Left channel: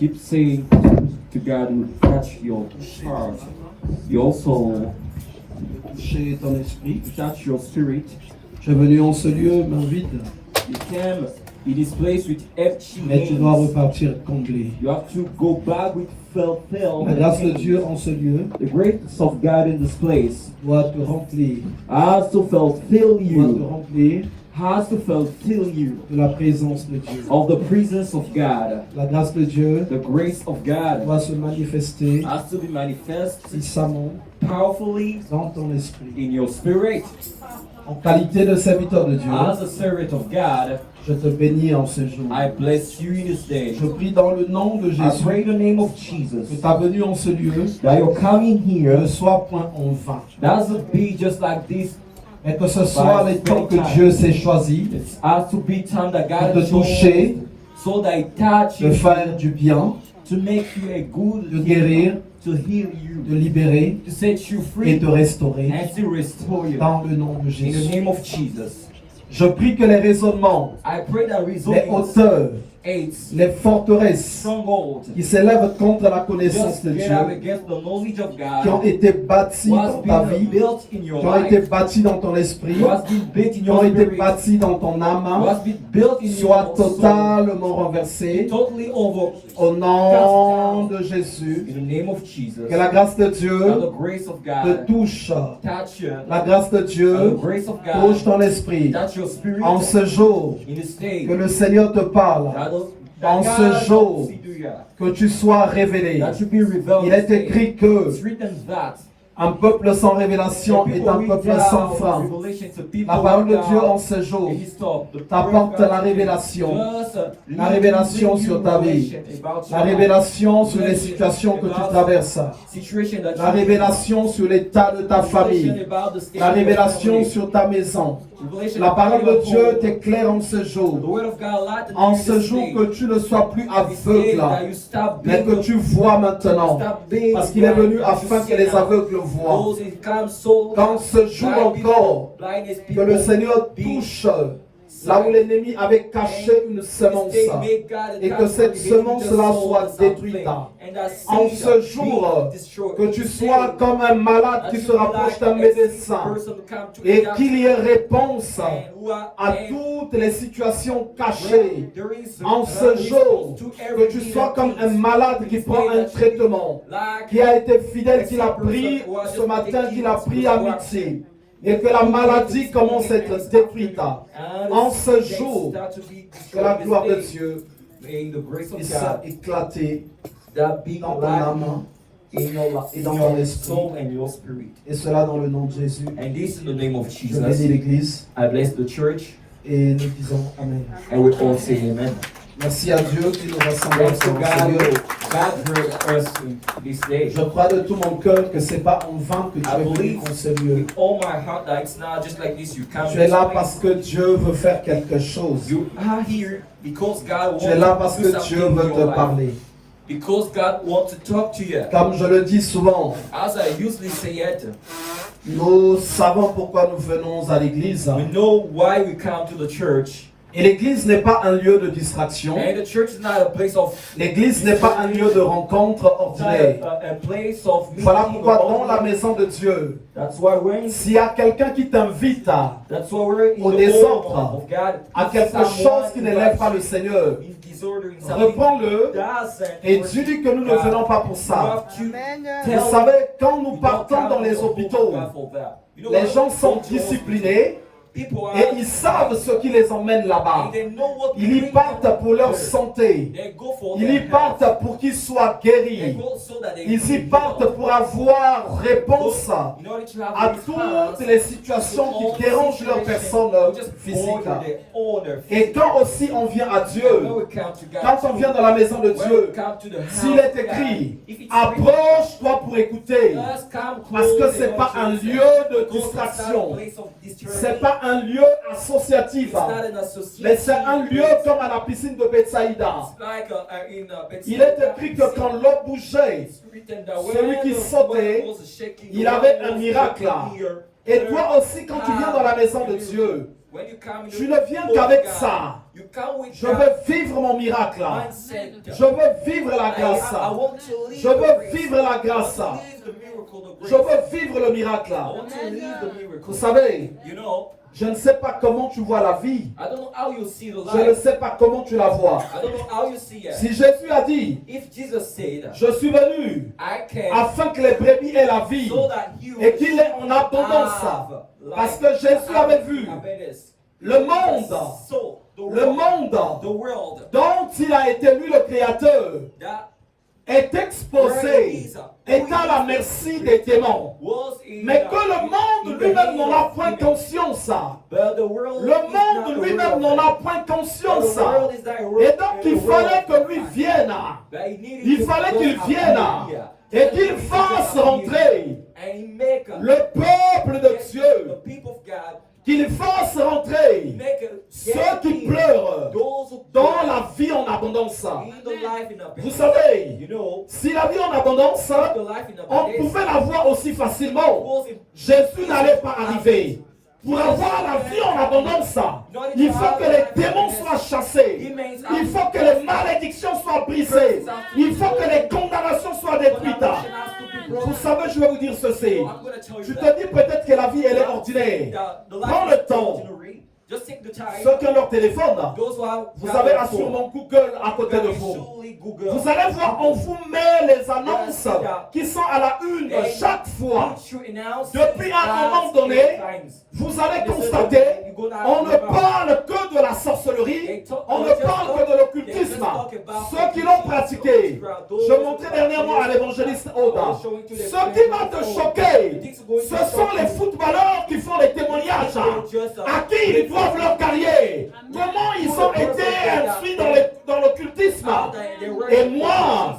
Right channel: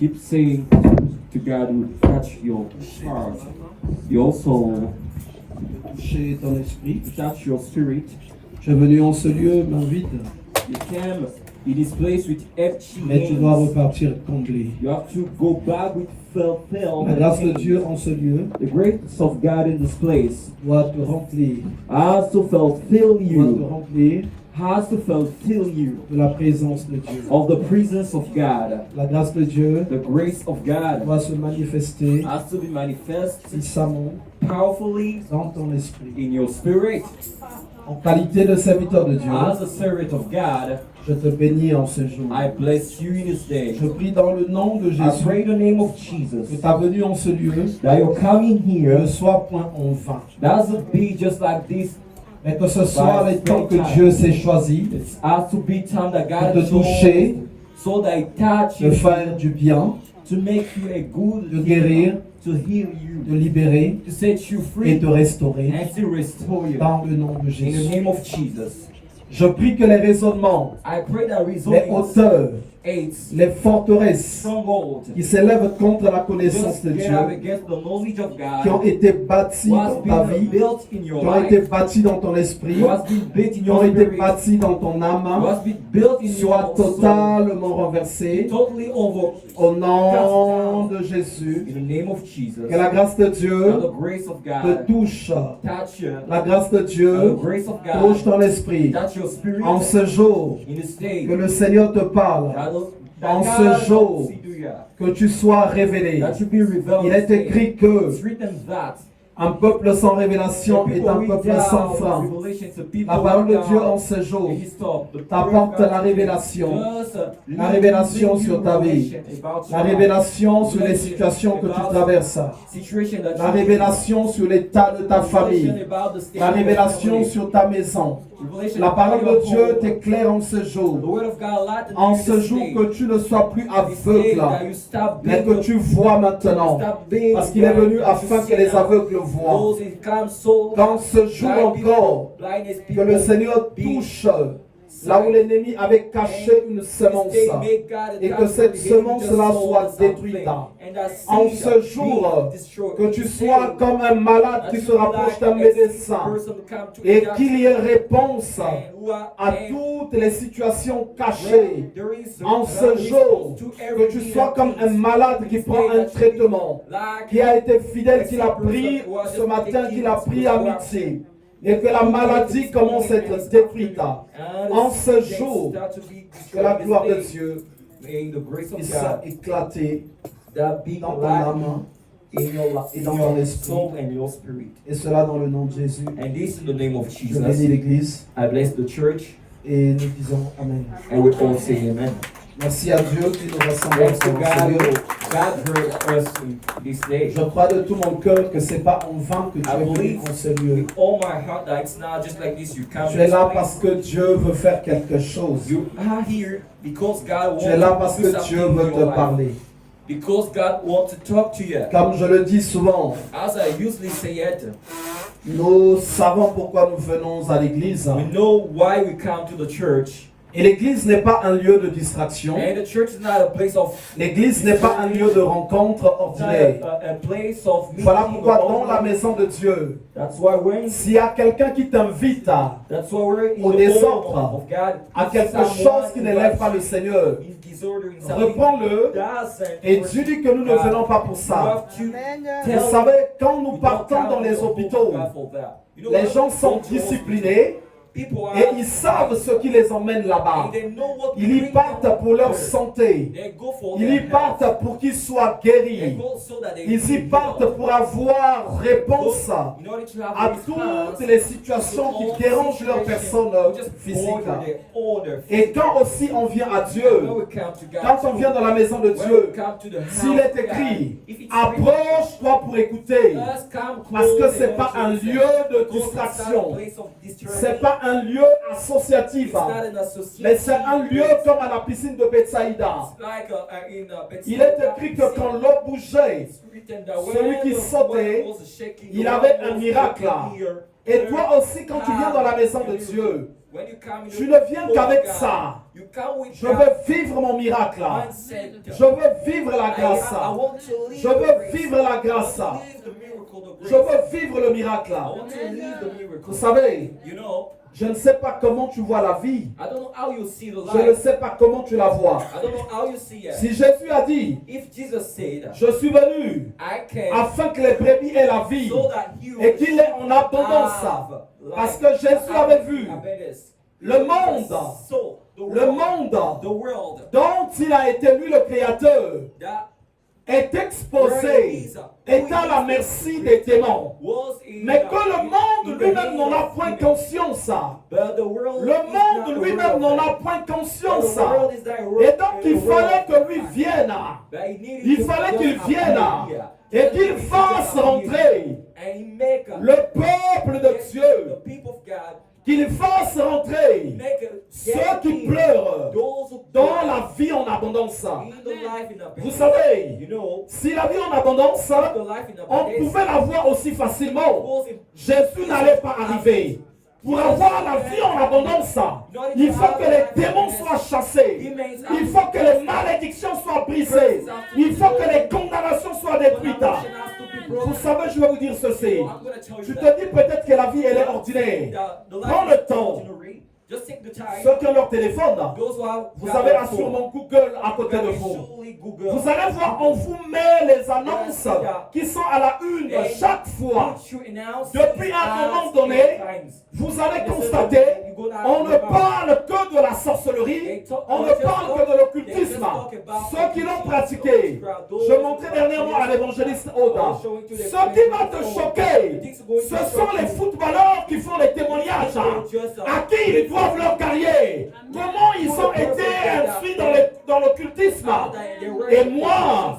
Keep saying to God will touch your heart, your soul, de toucher ton esprit. to touch your spirit. Tu es venu en ce lieu, main vide, You came in this place with empty mais tu dois hands. repartir comblé. You have to go back with La grâce de fulfilled. Dieu en ce lieu The grace of God in this place doit te remplir, has to fulfill doit te you, remplir has to fulfill you de la présence de Dieu. of the presence of God. La grâce de Dieu The grace of God doit se manifester has to be manifest puissamment powerfully dans ton esprit. in your spirit. En qualité de serviteur de Dieu, As a servant of God, je te bénis en ce jour. I bless you in this day. Je prie dans le nom de I Jésus pray in the name of que Jesus ta venue en ce lieu that your coming ne here soit point en vain, doesn't be just like this. mais que ce soit les temps que Dieu s'est choisi It has to be time that God de te toucher, so that it touch de you, faire du bien, to make you a good de guérir, to heal you, de libérer to set you et free, de restaurer and to restore you. dans le nom de In the Jésus. name of Jesus, Je prie que les raisonnements, I pray that les results hauteurs, aids, les forteresses strongholds, qui s'élèvent contre la connaissance just de get Dieu, up against the knowledge of qui ont God, été bâtis what's dans ta been vie, built in your qui ont été life, bâtis dans ton esprit, what's been built in qui ont your été spirit, bâtis dans ton âme, what's been built in soient your soul, totalement renversés totally over. au nom de Jésus. In the name of Jesus, Que la grâce de that Dieu the grace of te God touche. touch you, La grâce de that the Dieu grace of touche God ton esprit. touch your spirit En ce jour, in this day. que le Seigneur te parle, En ce jour, que tu sois révélé. that you be revealed. Il est écrit que It's written that un peuple sans révélation the est people un with peuple doubt, sans fin. revelation, the people La parole de with Dieu doubt, en ce jour they stop. The t'apporte prayer of la God révélation. just, La révélation sur ta vie. La révélation sur les situations que tu traverses. La révélation sur l'état de ta famille. La révélation sur ta maison. La parole de Dieu t'éclaire en ce jour. En ce jour que tu ne sois plus aveugle, mais que tu vois maintenant. Parce qu'il est venu afin que les aveugles voient. Dans ce jour encore, que le Seigneur touche là où l'ennemi avait caché une semence et que cette semence-là soit détruite. En ce jour, que tu sois comme un malade qui se rapproche d'un médecin et qu'il y ait réponse à toutes les situations cachées. En ce jour, que tu sois comme un malade qui prend un traitement, qui a été fidèle, qui l'a pris ce matin, qui l'a pris à midi. Et que la maladie commence à être détruite. En ce jour, que la gloire de Dieu puisse éclater dans ton âme et dans ton esprit. Et cela dans le nom de Jésus. And this in the name of Je bénis Jesus. l'Église I bless the church et nous disons Amen. and we all say amen. Merci à Dieu qui nous rassemble Thanks to ensemble. God, Seigneur. God for us this day. Je crois de tout mon cœur que ce n'est pas en vain que tu I es venu believe en ce lieu. with all my heart that it's not just like this. You come Tu es là parce que Dieu veut faire quelque chose. You are here because God wants Tu es là parce to do que Dieu something veut in te your life. parler. Because God wants to talk to you. Comme je le dis souvent, As I usually say it, nous savons pourquoi nous venons à l'église. we know why we come to the church. Et l'église n'est pas un lieu de distraction. And the church is not a place of L'église n'est pas un lieu de rencontre ordinaire. a place of meeting. Voilà pourquoi dans la maison de Dieu, That's why we're in. s'il y a quelqu'un qui t'invite That's why we're in au the désordre, home of God. à quelque chose qui n'élève pas le Seigneur, In disorder, in something reprends-le et dis-lui que nous ne venons pas pour ça. Vous savez, quand nous partons dans les hôpitaux, les gens sont disciplinés et ils savent ce qui les emmène là-bas. Ils y partent pour leur santé. Ils y partent pour qu'ils soient guéris. Ils y partent pour avoir réponse à toutes les situations qui dérangent leur personne physique. Et quand aussi on vient à Dieu, quand on vient dans la maison de Dieu, s'il est écrit, approche-toi pour écouter, parce que ce n'est pas un lieu de distraction, ce n'est pas un lieu associatif, mais c'est un lieu comme à la piscine de Bethsaïda. Il est écrit que quand l'eau bougeait, celui qui sautait, il avait un miracle. Et toi aussi, quand tu viens dans la maison de Dieu, Tu ne viens qu'avec ça. Je veux vivre mon miracle. Je veux vivre la grâce. Je veux vivre la grâce. Je veux vivre le miracle. Vous savez, je ne sais pas comment tu vois la vie. Je ne sais pas comment tu la vois. Si Jésus a dit, je suis venu afin que les brebis aient la vie et qu'il est en abondance. Parce que Jésus avait vu le monde dont il a été lui le créateur est exposé, est à la merci des démons. Mais que le monde lui-même n'en a point conscience. Le monde lui-même n'en a point conscience. Et donc il fallait que lui vienne. Il fallait qu'il vienne et qu'il fasse rentrer le peuple de Dieu. Qu'il fasse rentrer ceux qui pleurent dans la vie en abondance. Vous savez, si la vie en abondance, on pouvait la voir aussi facilement. Jésus n'allait pas arriver. Pour avoir la vie en abondance, il faut que les démons soient chassés. Il faut que les malédictions soient brisées. Il faut que les condamnations soient détruites. Vous savez, je vais vous dire ceci. Tu te dis peut-être que la vie, elle est ordinaire. Prends le temps. Ceux qui ont leur téléphone, vous avez sûrement Google à côté de vous. Vous allez voir, on vous met les annonces qui sont à la une chaque fois. Depuis un moment donné, vous allez constater, on ne parle que de la sorcellerie, on ne parle que de l'occultisme. Ceux qui l'ont pratiqué, je montrais dernièrement à l'évangéliste Oda, ce qui va te choquer, ce sont les footballeurs qui font les témoignages, à qui ils doivent leur carrière, comment ils ont été inscrits dans l'occultisme. Et moi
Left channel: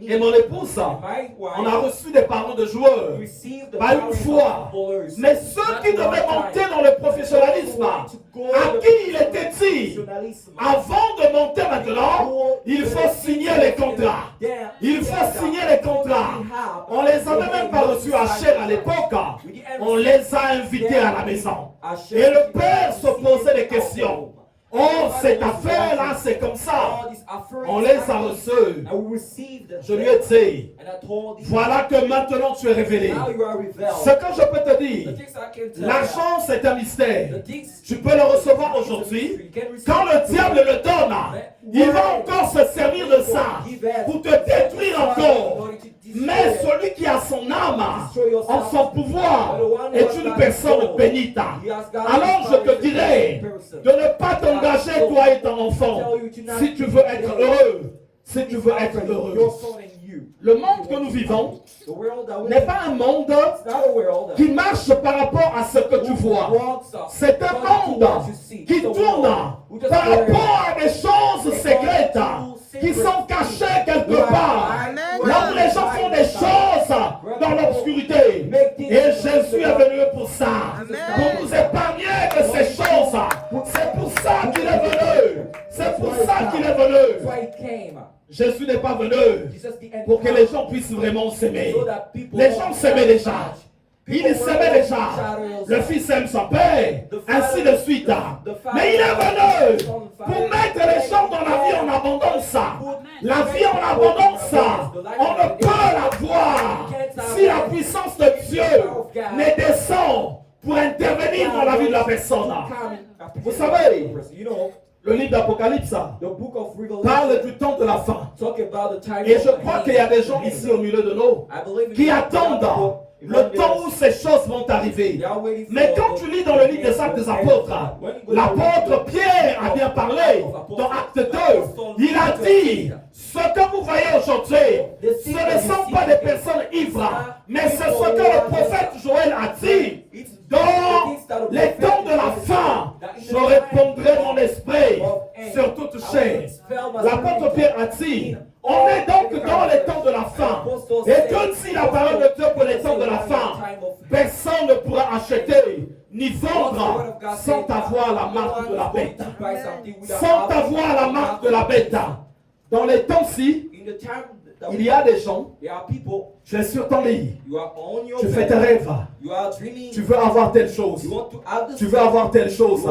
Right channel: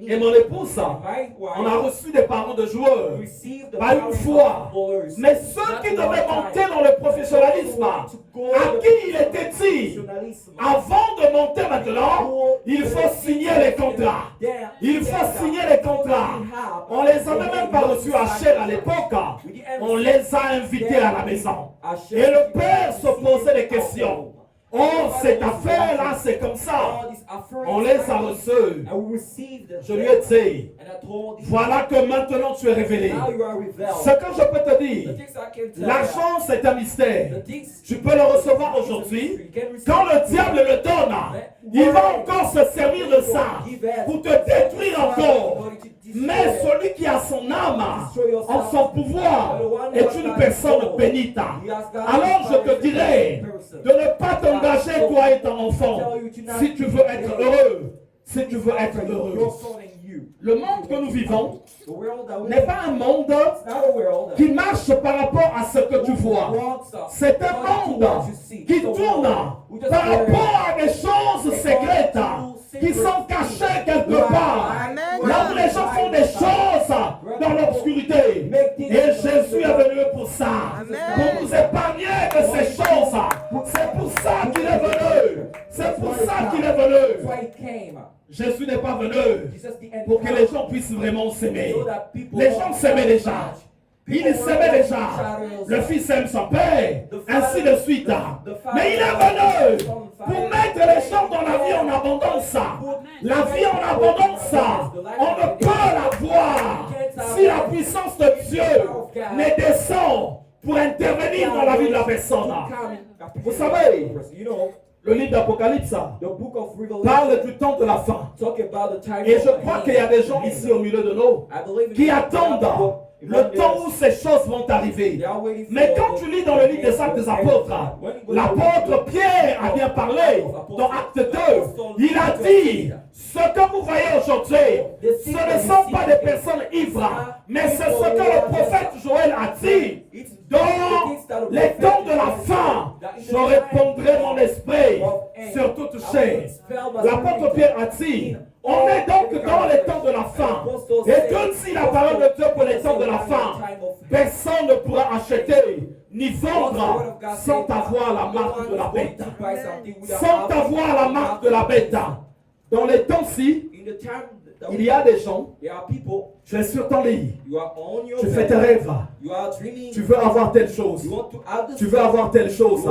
et mon épouse, on a reçu des parents de joueurs, pas une fois. Mais ceux qui devaient monter dans le professionnalisme, à qui il était dit, avant de monter maintenant, il faut signer les contrats. Il faut signer les contrats. On les avait même pas reçus à Cher à l'époque. On les a invités à la maison. Et le père se posait des questions. Oh, cette affaire-là, c'est comme ça. On les a reçus. Je lui ai dit, voilà que maintenant tu es révélé. Ce que je peux te dire, l'argent c'est un mystère. Tu peux le recevoir aujourd'hui. Quand le diable le donne, il va encore se servir de ça pour te détruire encore. Mais celui qui a son âme en son pouvoir est une personne bénite. Alors je te dirais de ne pas t'engager toi et ton enfant si tu veux être heureux. Si tu veux être heureux. Le monde que nous vivons n'est pas un monde qui marche par rapport à ce que tu vois. C'est un monde qui tourne par rapport à des choses secrètes qui sont cachées quelque part. Là où les gens font des choses dans l'obscurité. Et Jésus est venu pour ça. Pour nous épargner de ces choses. C'est pour ça qu'il est venu. C'est pour ça qu'il est venu. Jésus n'est pas venu pour que les gens puissent vraiment s'aimer. Les gens s'aimaient déjà. Il s'aimait déjà. Le fils aime son père, ainsi de suite. Mais il est venu pour mettre les gens dans la vie en abondance. La vie en abondance, on ne peut la voir si la puissance de Dieu ne descend pour intervenir dans la vie de la personne. Vous savez, le livre d'Apocalypse parle du temps de la fin. Et je crois qu'il y a des gens ici au milieu de nous qui attendent le temps où ces choses vont arriver. Mais quand tu lis dans le livre des Actes des Apôtres, l'apôtre Pierre a bien parlé dans Acte 2. Il a dit, ce que vous voyez aujourd'hui, ce ne sont pas des personnes ivres, mais c'est ce que le prophète Joël a dit. Dans les temps de la fin, je répondrai mon esprit sur toute chair. L'apôtre Pierre a dit, on est donc dans les temps de la fin. Et comme si la parole de Dieu pour les temps de la fin, personne ne pourra acheter ni vendre sans avoir la marque de la bête. Sans avoir la marque de la bête. Dans les temps-ci, Il y a des gens, There are people, tu es sur ton lit, you are on your tu fais tes bed, rêves, you are dreaming, tu veux avoir telle chose, you want to have this, tu veux avoir telle chose,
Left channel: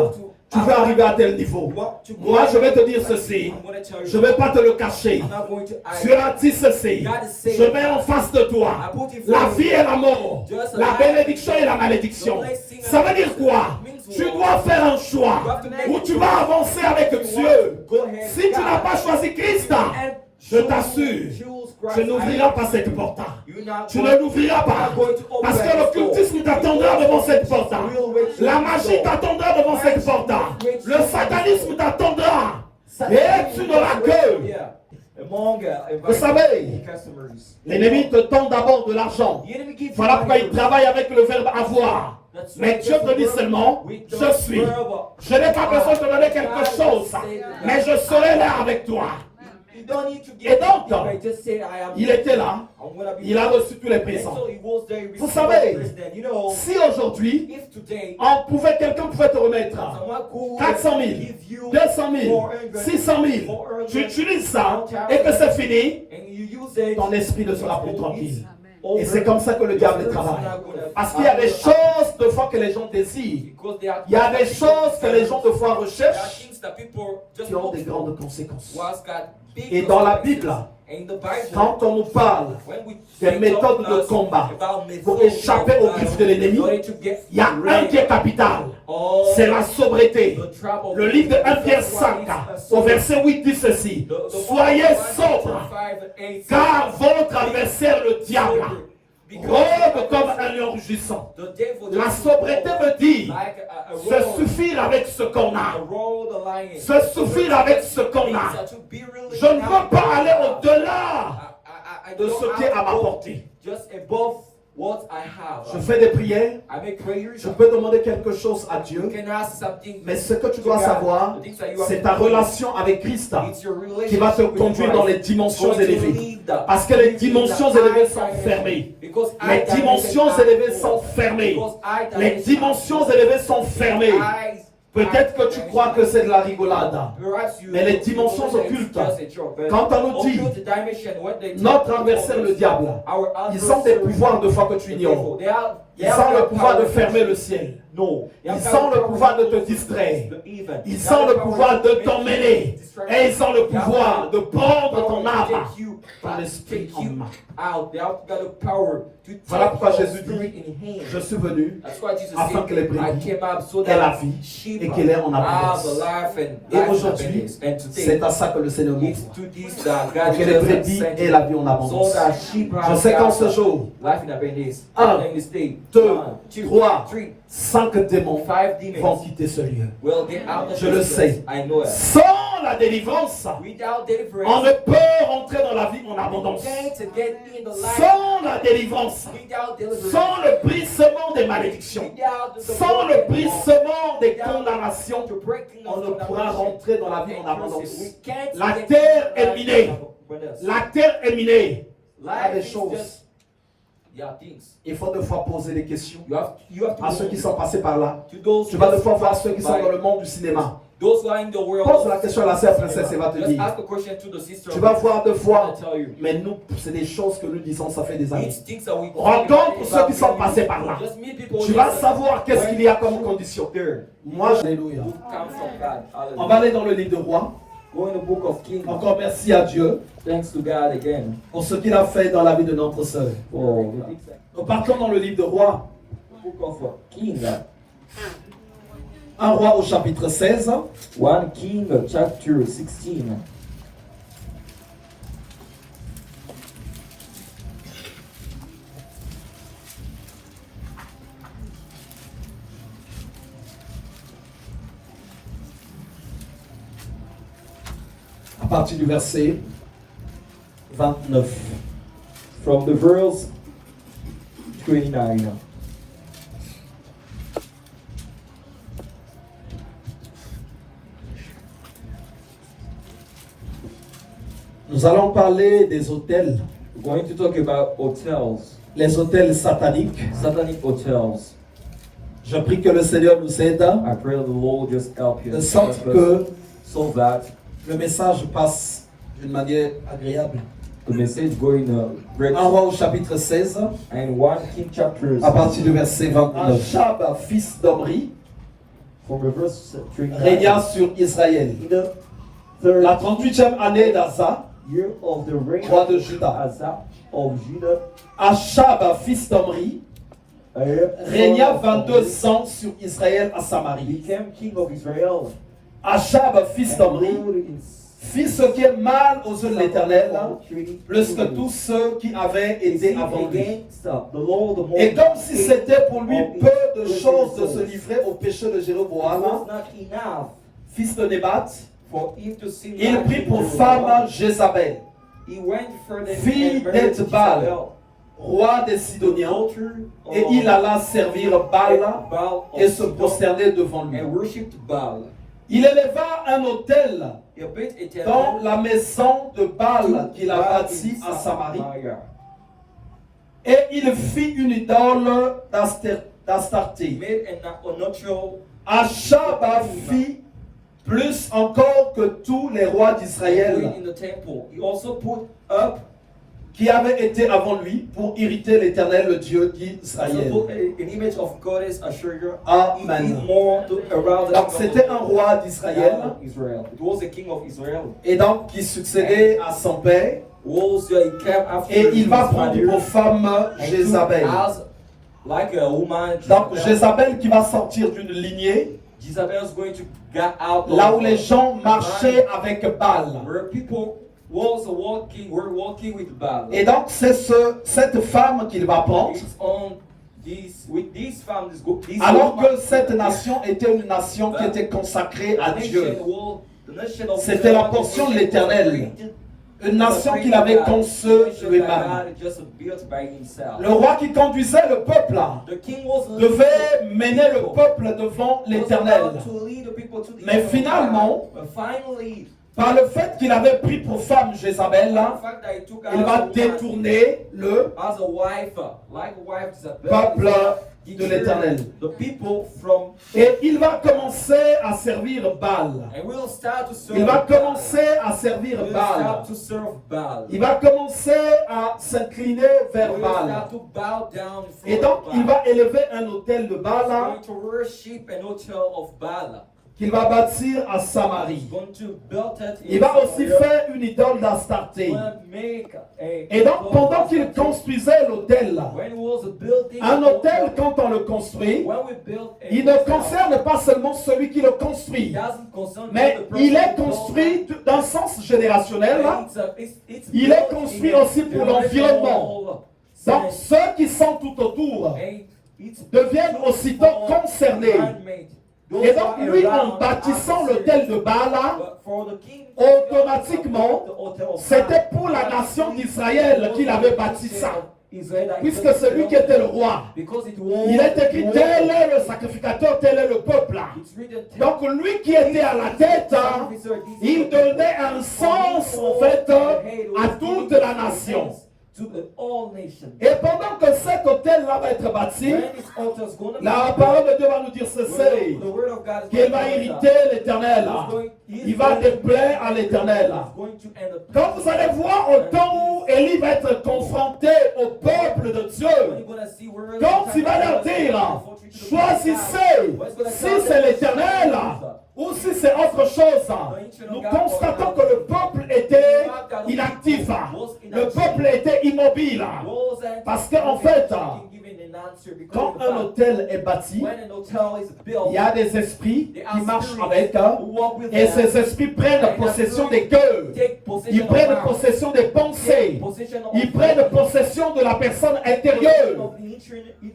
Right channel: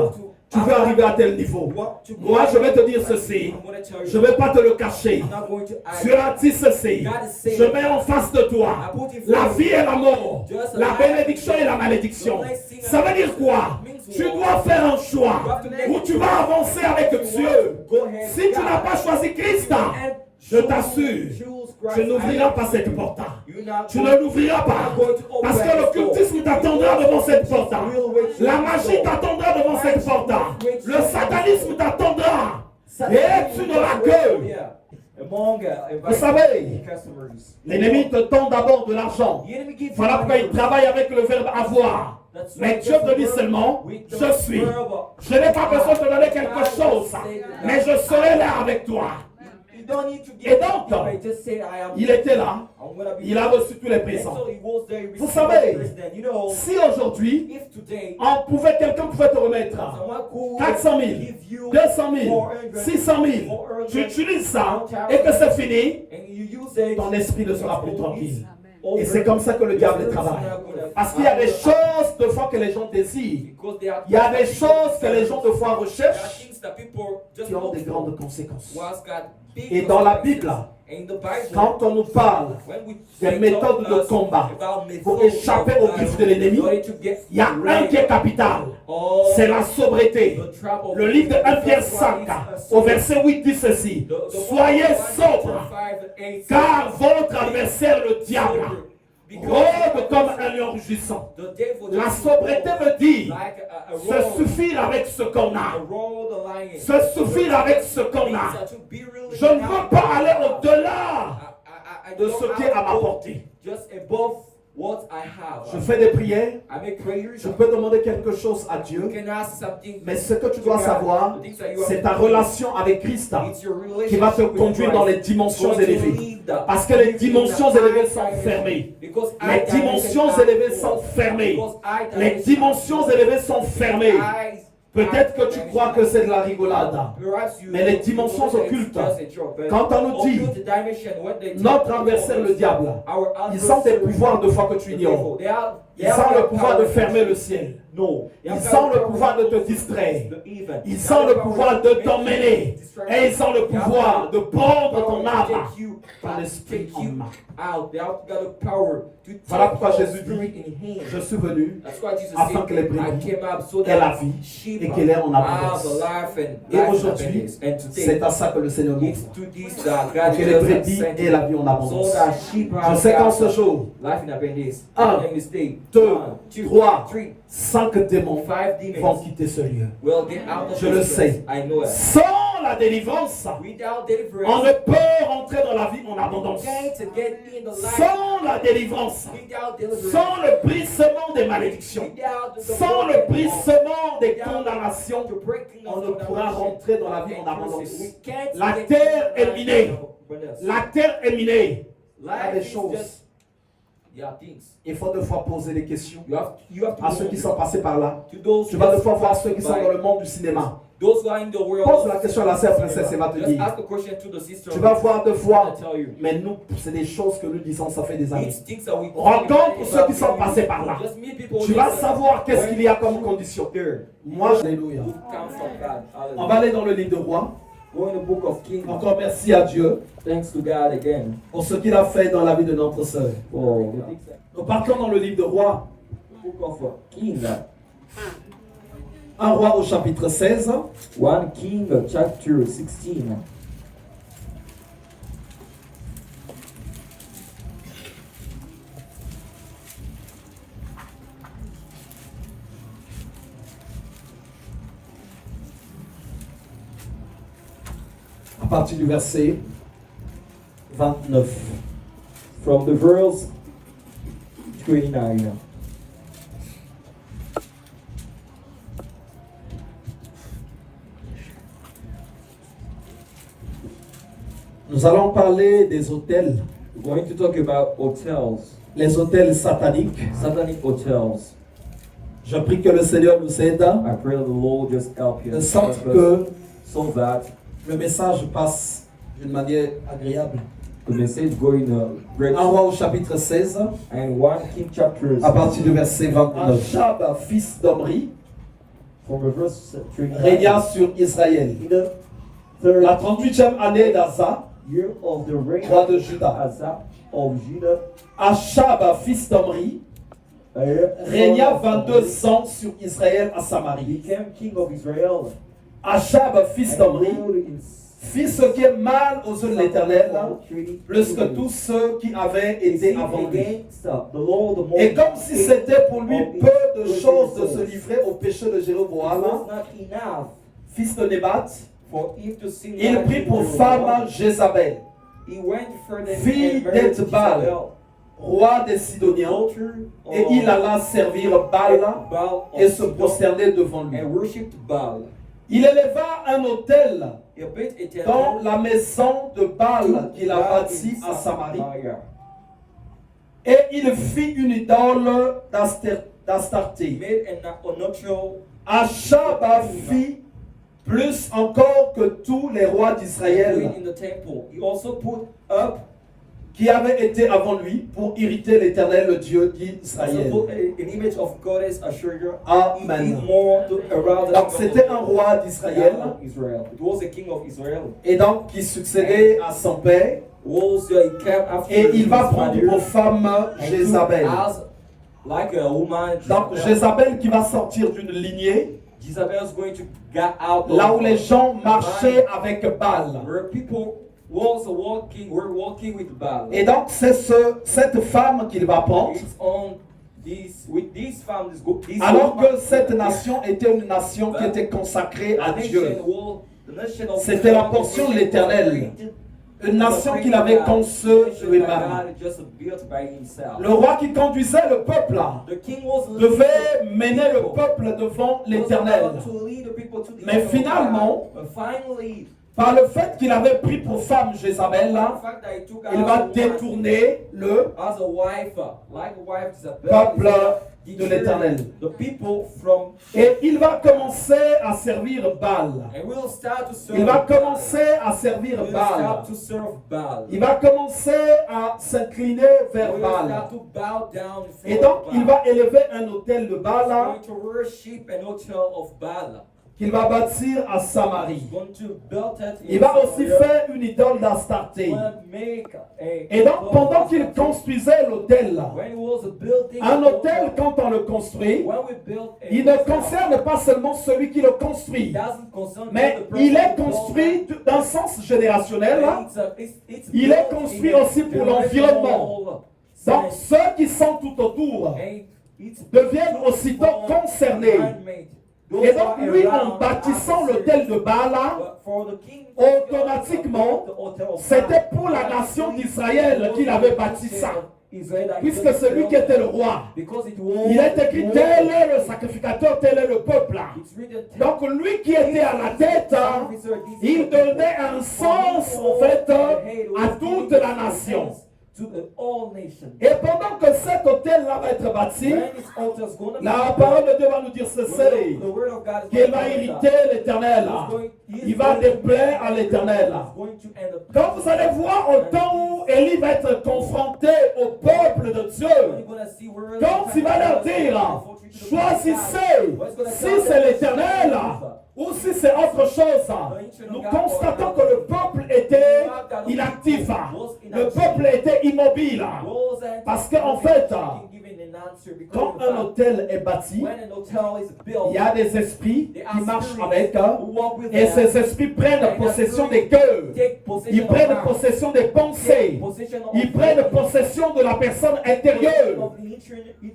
tu veux arriver à tel niveau. you want to Moi, je vais te dire ceci, I'm going to tell je you, ne vais pas te le cacher. I'm not going to Tu hide. as dit ceci, je mets en face de toi la vie et la mort, la bénédiction et la malédiction. Ça veut dire quoi? Tu dois faire un choix où tu vas avancer avec Dieu. Si tu n'as pas choisi Christ, je t'assure, tu n'ouvriras pas cette porte. Tu ne l'ouvriras pas. Parce que l'occultisme t'attendra devant cette porte. La magie t'attendra devant cette porte. Le satanisme t'attendra. Et tu n'auras que. Vous savez, l'ennemi te tend d'abord de l'argent. Voilà pourquoi il travaille avec le verbe avoir. Mais Dieu te dit seulement, je suis. Je n'ai pas besoin de te donner quelque chose, mais je serai là avec toi. Et donc, il était là, il a reçu tous les présents. Vous savez, si aujourd'hui, quelqu'un pouvait te remettre 400 000, 200 000, 600 000, tu utilises ça et que c'est fini, ton esprit ne sera plus tranquille. Et c'est comme ça que le diable travaille. Parce qu'il y a des choses de fois que les gens désirent. Il y a des choses que les gens de fois recherchent qui ont des grandes conséquences. Et dans la Bible, quand on nous parle des méthodes de combat pour échapper aux griffes de l'ennemi, il y a un qui est capital. C'est la sobriété. Le livre de 1 Pierre 5, au verset 8 dit ceci. Soyez sobres, car votre adversaire le diable rôde comme un lion rugissant. La sobriété me dit se suffire avec ce qu'on a. Se suffire avec ce qu'on a. Je ne veux pas aller au-delà de ce qui est à ma portée. Je fais des prières, je peux demander quelque chose à Dieu, mais ce que tu dois savoir, c'est ta relation avec Christ qui va te conduire dans les dimensions élevées. Parce que les dimensions élevées sont fermées. Les dimensions élevées sont fermées. Les dimensions élevées sont fermées. Peut-être que tu crois que c'est de la rigolade, mais les dimensions occultes, quand on nous dit notre adversaire le diable, ils ont des pouvoirs de foi que tu ignores. Ils ont le pouvoir de fermer le ciel. Ils ont le pouvoir de te distraire. Ils ont le pouvoir de t'emmêler. Et ils ont le pouvoir de prendre ton âme, ton esprit en main. Voilà pourquoi Jésus dit, je suis venu afin que les brebis aient la vie et qu'elle ait en abondance. Et aujourd'hui, c'est à ça que le Seigneur nous dit. Que les brebis aient la vie en abondance. Je sais qu'en ce jour, 1, 2, 3, 5 démons vont quitter ce lieu. Je le sais. Sans la délivrance, on ne peut rentrer dans la vie en abondance. Sans la délivrance, sans le brisement des malédictions, sans le brisement des condamnations, on ne pourra rentrer dans la vie en abondance. La terre est minée. La terre est minée. Il y a des choses. Il faut deux fois poser des questions à ceux qui sont passés par là. Tu vas deux fois voir ceux qui sont dans le monde du cinéma. Pose la question à la sœur princesse et va te dire. Tu vas voir deux fois. Mais nous, c'est des choses que nous disons, ça fait des années. Rencontre ceux qui sont passés par là. Tu vas savoir qu'est-ce qu'il y a comme condition. Moi, alléluia. On va aller dans le livre de Rois. Encore merci à Dieu pour ce qu'il a fait dans la vie de notre sœur. Nous partons dans le livre de Rois. Un roi au chapitre 16. 1 King chapter 16. À partir du verset 29. From the verse 29. Nous allons parler des hôtels. We're going to talk about hotels, Les hôtels sataniques. satanic hotels. Je prie que le Seigneur nous aide I pray that the Lord just help you, de sorte que so that le message passe d'une manière agréable. the message go in verse Un roi au chapitre 16, and 1 King chapters à partir du verset 29. Achab, fils d'Omri, from the verse 39. régna sur Israël. In the third La 38e année d'Asa, year of the reign roi de Juda. Asa of Judah, Achab, fils d'Omri, régna 22 ans sur Israël à Samarie. became king of Israel. Achab, fils d'Omri, In fit ce qui est mal aux yeux de l'Éternel, plus que tous ceux qui avaient été avant lui. against the Lord of Et comme si c'était pour lui peu de choses de se livrer au péché de Jéroboam, not enough fils de Nébat, for him to sin. il prit pour femme Jézabel, He went further fille and married d'Ethbal, Jezebel, roi des Sidoniens, daughter et il alla servir Baal Baal et of se Sidon, prosterner devant lui. and worshipped Baal. Il éleva un autel He built a dans temple la maison de Baal qu'il a Baal bâtie in à Samarie, Samaria. et il fit une idole d'Astarté. Made an nuptial. Achab fit plus encore que tous les rois d'Israël In the temple. He also put up qui avaient été avant lui pour irriter l'Éternel, le Dieu d'Israël. an image of goddess Asherah. Amen. He did more to around Donc c'était un roi d'Israël Israel. It was a king of Israel. et donc qui succédait à son père, Was he came after et il va his prendre father, pour femme and Jézabel. as like a woman. Donc Jézabel qui va sortir d'une lignée Jezebel is going to get out là où of les gens marchaient avec Baal. where people were walking with Baal. Et donc c'est cette femme qu'il va prendre, It's on this with this family. This alors woman, que cette nation était une nation qui était consacrée à the Dieu. nation of C'était la God, portion de the l'Éternel. Une nation qu'il avait conçue lui-même. Le roi qui conduisait le peuple devait mener le peuple devant l'Éternel. Mais finalement, par le fait qu'il avait pris pour femme Jézabel, il va détourner le peuple de l'Éternel. Et il va commencer à servir Baal. Il va commencer à servir Baal. Il va commencer à s'incliner vers Baal. Et donc, il va élever un autel de Baal qu'il va bâtir à Samarie. Il va aussi faire une idole d'Astarté. Et donc, pendant qu'il construisait l'autel, un autel, quand on le construit, il ne concerne pas seulement celui qui le construit, mais il est construit d'un sens générationnel. Il est construit aussi pour l'environnement. Donc, ceux qui sont tout autour deviennent aussitôt concernés. Et donc, lui, en bâtissant l'autel de Baal, automatiquement, c'était pour la nation d'Israël qu'il avait bâti ça. Puisque c'est lui qui était le roi. Il est écrit, tel est le sacrificateur, tel est le peuple. Donc, lui qui était à la tête, il donnait un sens, en fait, à toute la nation. Et pendant que cet hôtel-là va être bâti, la parole de Dieu va nous dire ceci, qu'il va irriter l'Éternel. Il va déplaire à l'Éternel. Quand vous allez voir au temps où Élie va être confronté au peuple de Dieu, quand il va leur dire, choisissez si c'est l'Éternel ou si c'est autre chose, nous constatons que le peuple était inactif, le peuple était immobile, parce qu'en fait, quand un hôtel est bâti, il y a des esprits qui marchent avec, et ces esprits prennent possession des cœurs, ils prennent possession des pensées, ils prennent possession de la personne intérieure,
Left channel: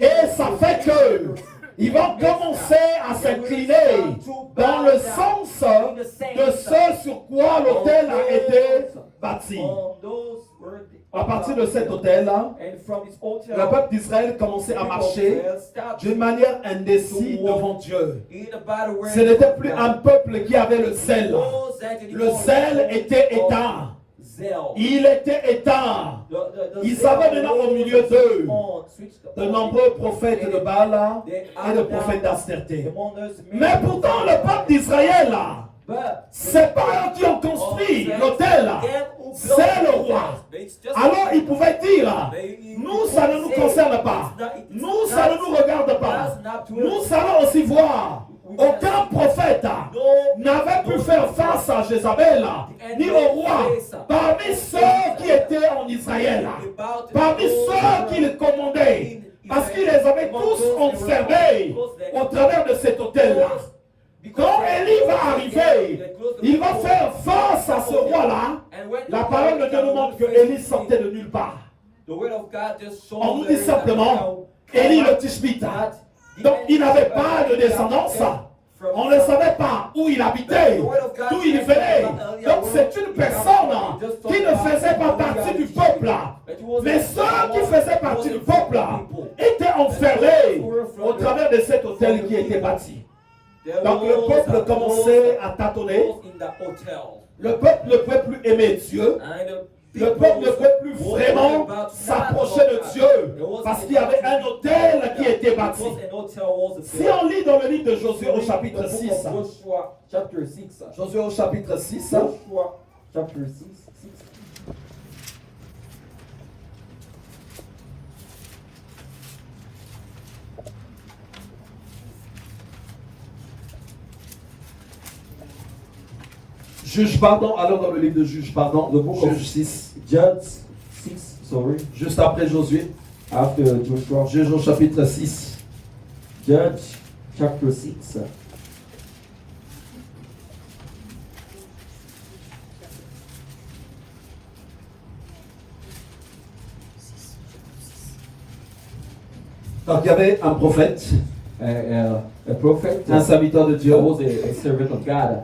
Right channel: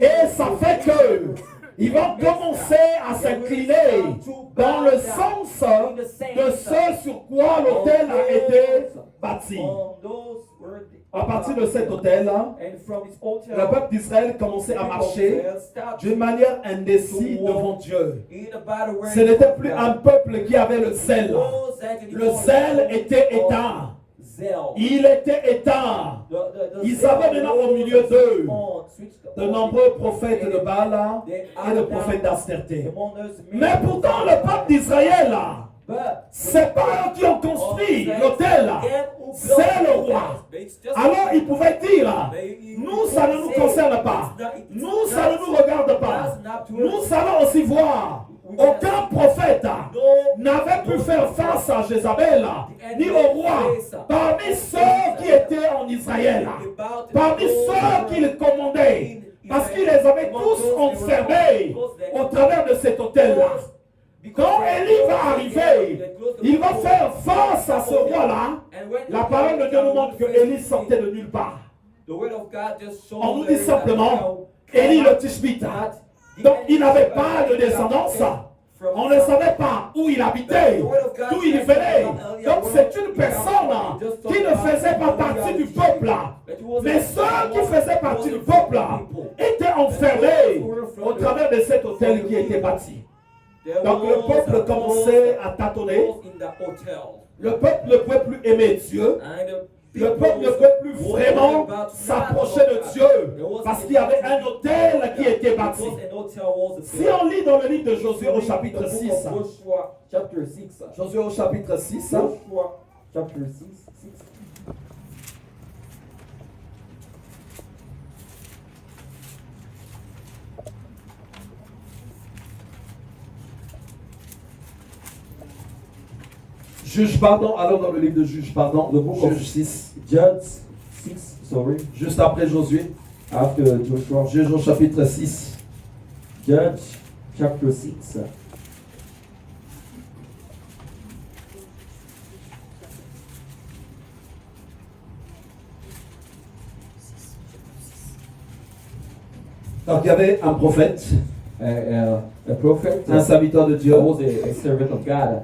et ça fait que ils vont commencer à s'incliner dans le sens de ce sur quoi l'autel a été bâti. À partir de cet autel-là, le peuple d'Israël commençait à marcher d'une manière indécise devant Dieu. Ce n'était plus un peuple qui avait le zèle. Le zèle était éteint. Il était éteint. Ils avaient maintenant au milieu d'eux de nombreux prophètes de Baal et de prophètes d'Astarté. Mais pourtant, le peuple d'Israël, c'est pas eux qui ont construit l'autel, c'est le roi. ils pouvaient dire, nous, ça ne nous concerne pas. Nous, ça ne nous regarde pas. Nous allons aussi voir. Aucun prophète n'avait pu faire face à Jézabel, ni au roi, parmi ceux qui étaient en Israël, parmi ceux qui les commandaient, parce qu'ils les avaient tous enfermés au travers de cet hôtel-là. Quand Élie va arriver, il va faire face à ce roi-là. La parole de Dieu nous montre que Élie sortait de nulle part. On nous dit simplement, Élie le Tishbite. Donc il n'avait pas de descendance. On ne savait pas où il habitait, d'où il venait. Donc c'est une personne qui ne faisait pas partie du peuple. Mais ceux qui faisaient partie du peuple étaient enfermés au travers de cet hôtel qui était bâti. Donc le peuple commençait à tâtonner. Le peuple ne peut plus aimer Dieu. Le peuple ne peut plus vraiment s'approcher de Dieu parce qu'il y avait un autel qui était bâti. Si on lit dans le livre de Josué au chapitre 6, Josué au chapitre 6, Juge, pardon, alors dans le livre de Juge, pardon, le book of 6. Judge 6, sorry. Juste après Josué. After Joshua. Juge au chapitre 6. Judge chapter 6. Donc il y avait un prophète, A prophet, un serviteur de Dieu, was a servant of God,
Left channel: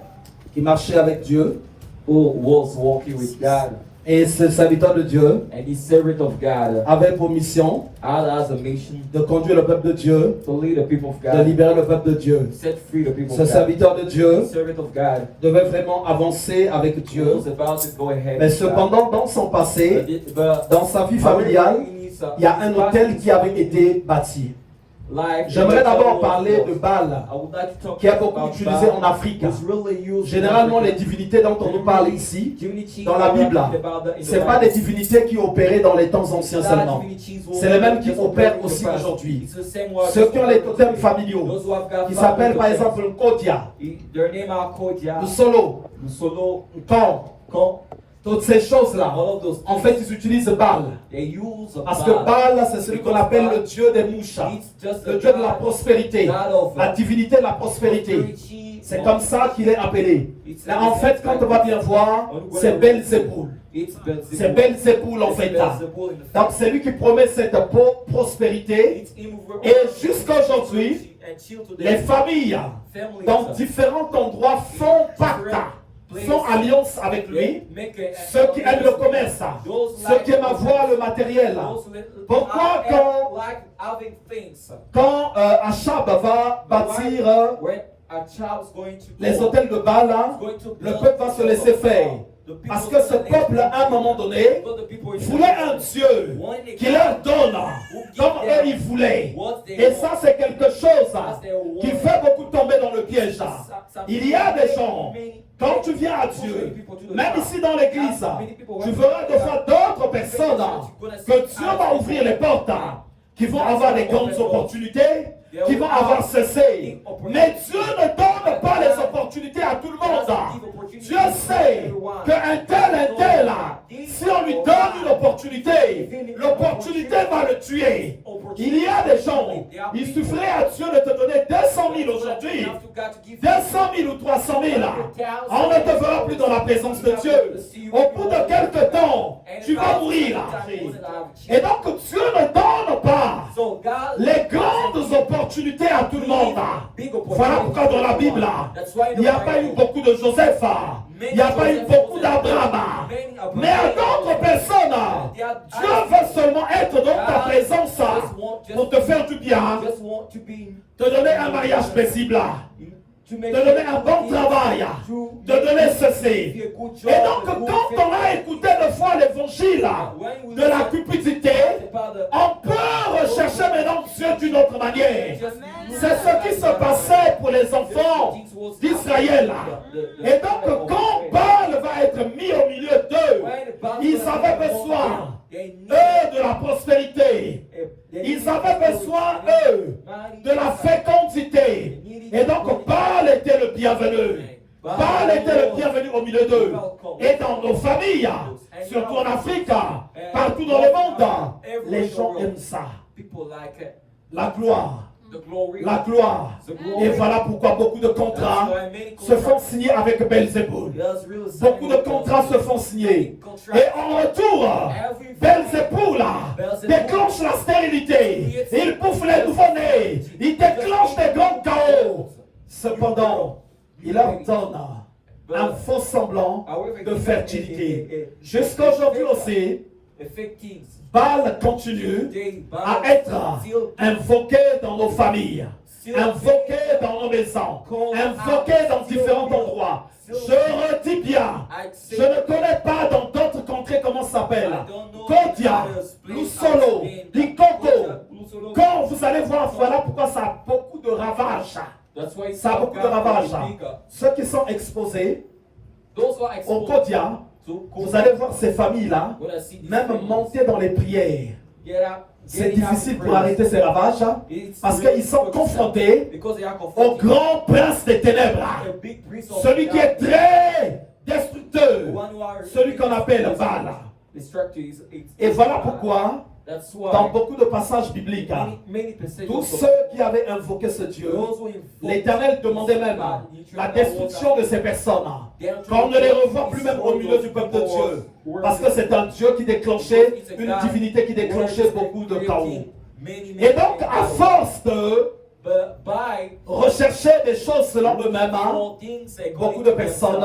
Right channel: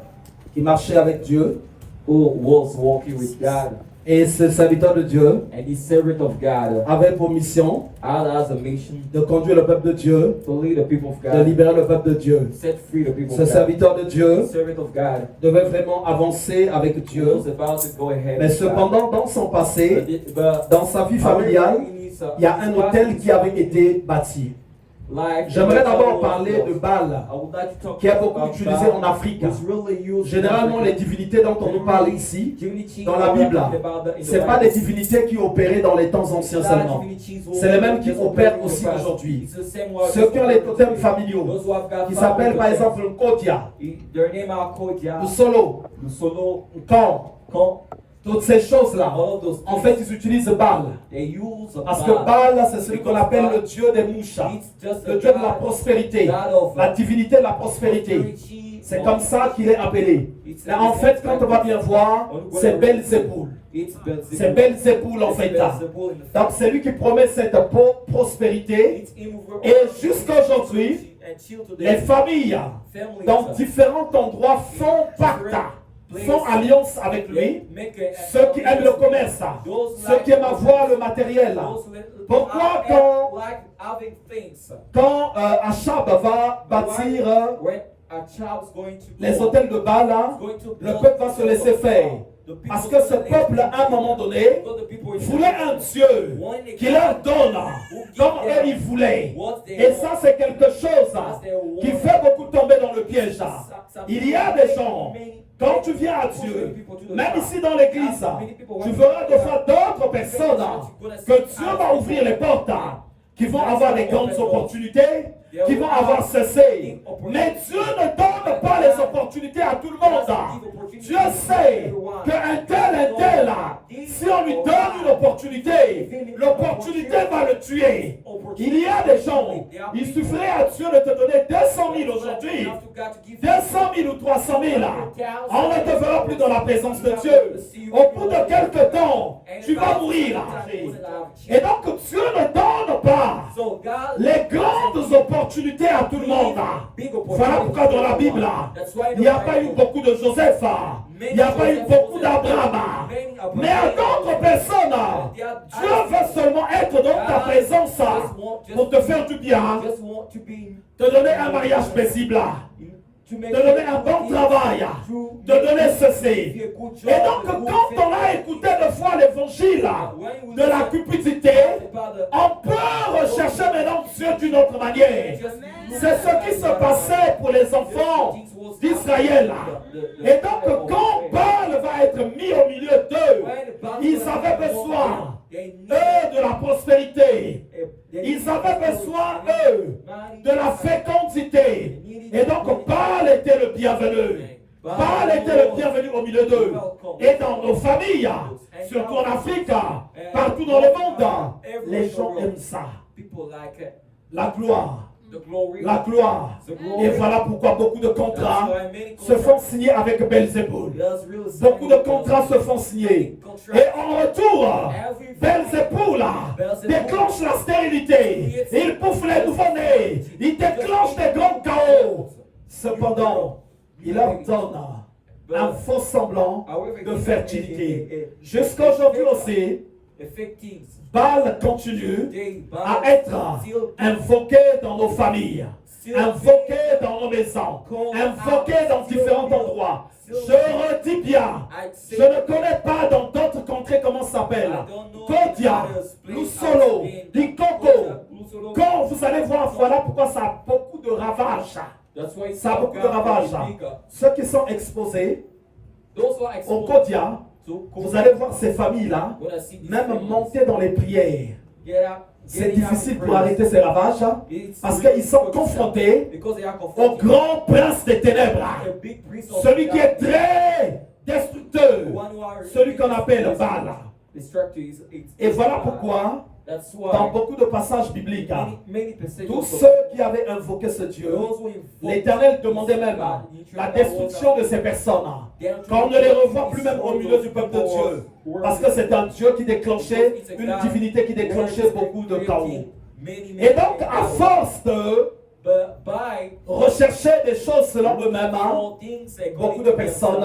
qui marchait avec Dieu. who was walking with God, Et ce serviteur de Dieu and this servant of God avait pour mission had as a mission de conduire le peuple de Dieu, to lead the people of de God, libérer le peuple de Dieu. set free the people Ce of God. serviteur de Dieu The servant of God devait vraiment avancer avec Dieu. was about to go ahead. Mais with God. cependant, dans son passé, But dans sa vie familiale, il y a un hôtel qui avait été bâti. J'aimerais d'abord parler de Baal, qui est beaucoup utilisé en Afrique. Généralement, les divinités dont on nous parle ici, dans la Bible, ce n'est pas des divinités qui opéraient dans les temps anciens seulement. C'est les mêmes qui opèrent aussi aujourd'hui. Ceux qui ont les totems familiaux, qui s'appellent par exemple Kodia, Solo, Kon, toutes ces choses-là, en fait, ils utilisent Baal. Parce que Baal, c'est celui qu'on appelle le dieu des mouches, le dieu de la prospérité, la divinité de la prospérité. C'est comme ça qu'il est appelé. Là, en fait, quand on va bien voir, c'est Belzéboul. C'est Belzéboul en fait. Donc, c'est lui qui promet cette prospérité. Et jusqu'à aujourd'hui, les familles dans différents endroits font pacte, font alliance avec lui. Ceux qui aiment le commerce, ceux qui aiment avoir le matériel. Pourquoi quand Achab va bâtir les hôtels de Baal, le peuple va se laisser faire? Parce que ce peuple, à un moment donné, voulait un Dieu qui leur donne comme eux ils voulaient. Et ça, c'est quelque chose qui fait beaucoup tomber dans le piège. Il y a des gens, quand tu viens à Dieu, même ici dans l'église, tu verras de fois d'autres personnes que Dieu va ouvrir les portes, qui vont avoir des grandes opportunités, qui vont avoir cessé. Mais Dieu ne donne pas les opportunités à tout le monde. Dieu sait qu'un tel, si on lui donne une opportunité, l'opportunité va le tuer. Il y a des gens, il suffirait à Dieu de te donner 200 000 aujourd'hui, 200 000 ou 300 000. On ne te verra plus dans la présence de Dieu. Au bout de quelques temps, tu vas mourir. Et donc Dieu ne donne pas les grandes opportunités à tout le monde. Voilà pourquoi dans la Bible, il n'y a pas eu beaucoup de Joseph, il n'y a pas eu beaucoup d'Abraham. Mais à d'autres personnes, Dieu veut seulement être dans ta présence pour te faire du bien, te donner un mariage paisible, te donner un bon travail, te donner ceci. Et donc, quand on a écouté de fois l'évangile de la cupidité, on peut rechercher maintenant Dieu d'une autre manière. C'est ce qui se passait pour les enfants d'Israël. Et donc, quand Baal va être mis au milieu d'eux, ils avaient besoin eux, de la prospérité. Ils avaient besoin, eux, de la fécondité. Et donc, Baal était le bienvenu. Baal était le bienvenu au milieu d'eux. Et dans nos familles, surtout en Afrique, partout dans le monde, les gens aiment ça. La gloire. La gloire. Et voilà pourquoi beaucoup de contrats se font signer avec Belzéboul. Beaucoup de contrats se font signer. Et en retour, Belzéboul déclenche la stérilité. Il bouffe les nouveau-nés. Il déclenche des grands chaos. Cependant, il ordonne un faux semblant de fertilité. Jusqu'à aujourd'hui aussi, Baal continue à être invoqué dans nos familles, invoqué dans nos maisons, invoqué dans différents endroits. Je redis bien, je ne connais pas dans d'autres contrées comment ça s'appelle. Kodia, Lusolo, Likoko. Quand vous allez voir, voilà pourquoi ça a beaucoup de ravages. Ça a beaucoup de ravages. Ceux qui sont exposés au Kodia, vous allez voir ces familles-là, même monter dans les prières. C'est difficile pour arrêter ces ravages parce qu'ils sont confrontés au grand prince des ténèbres, celui qui est très destructeur, celui qu'on appelle Baal. Et voilà pourquoi, dans beaucoup de passages bibliques, tous ceux qui avaient invoqué ce Dieu, l'Éternel demandait même la destruction de ces personnes, qu'on ne les revoit plus même au milieu du peuple de Dieu, parce que c'est un Dieu qui déclenchait, une divinité qui déclenchait beaucoup de chaos. Et donc, à force de rechercher des choses selon eux-mêmes, beaucoup de personnes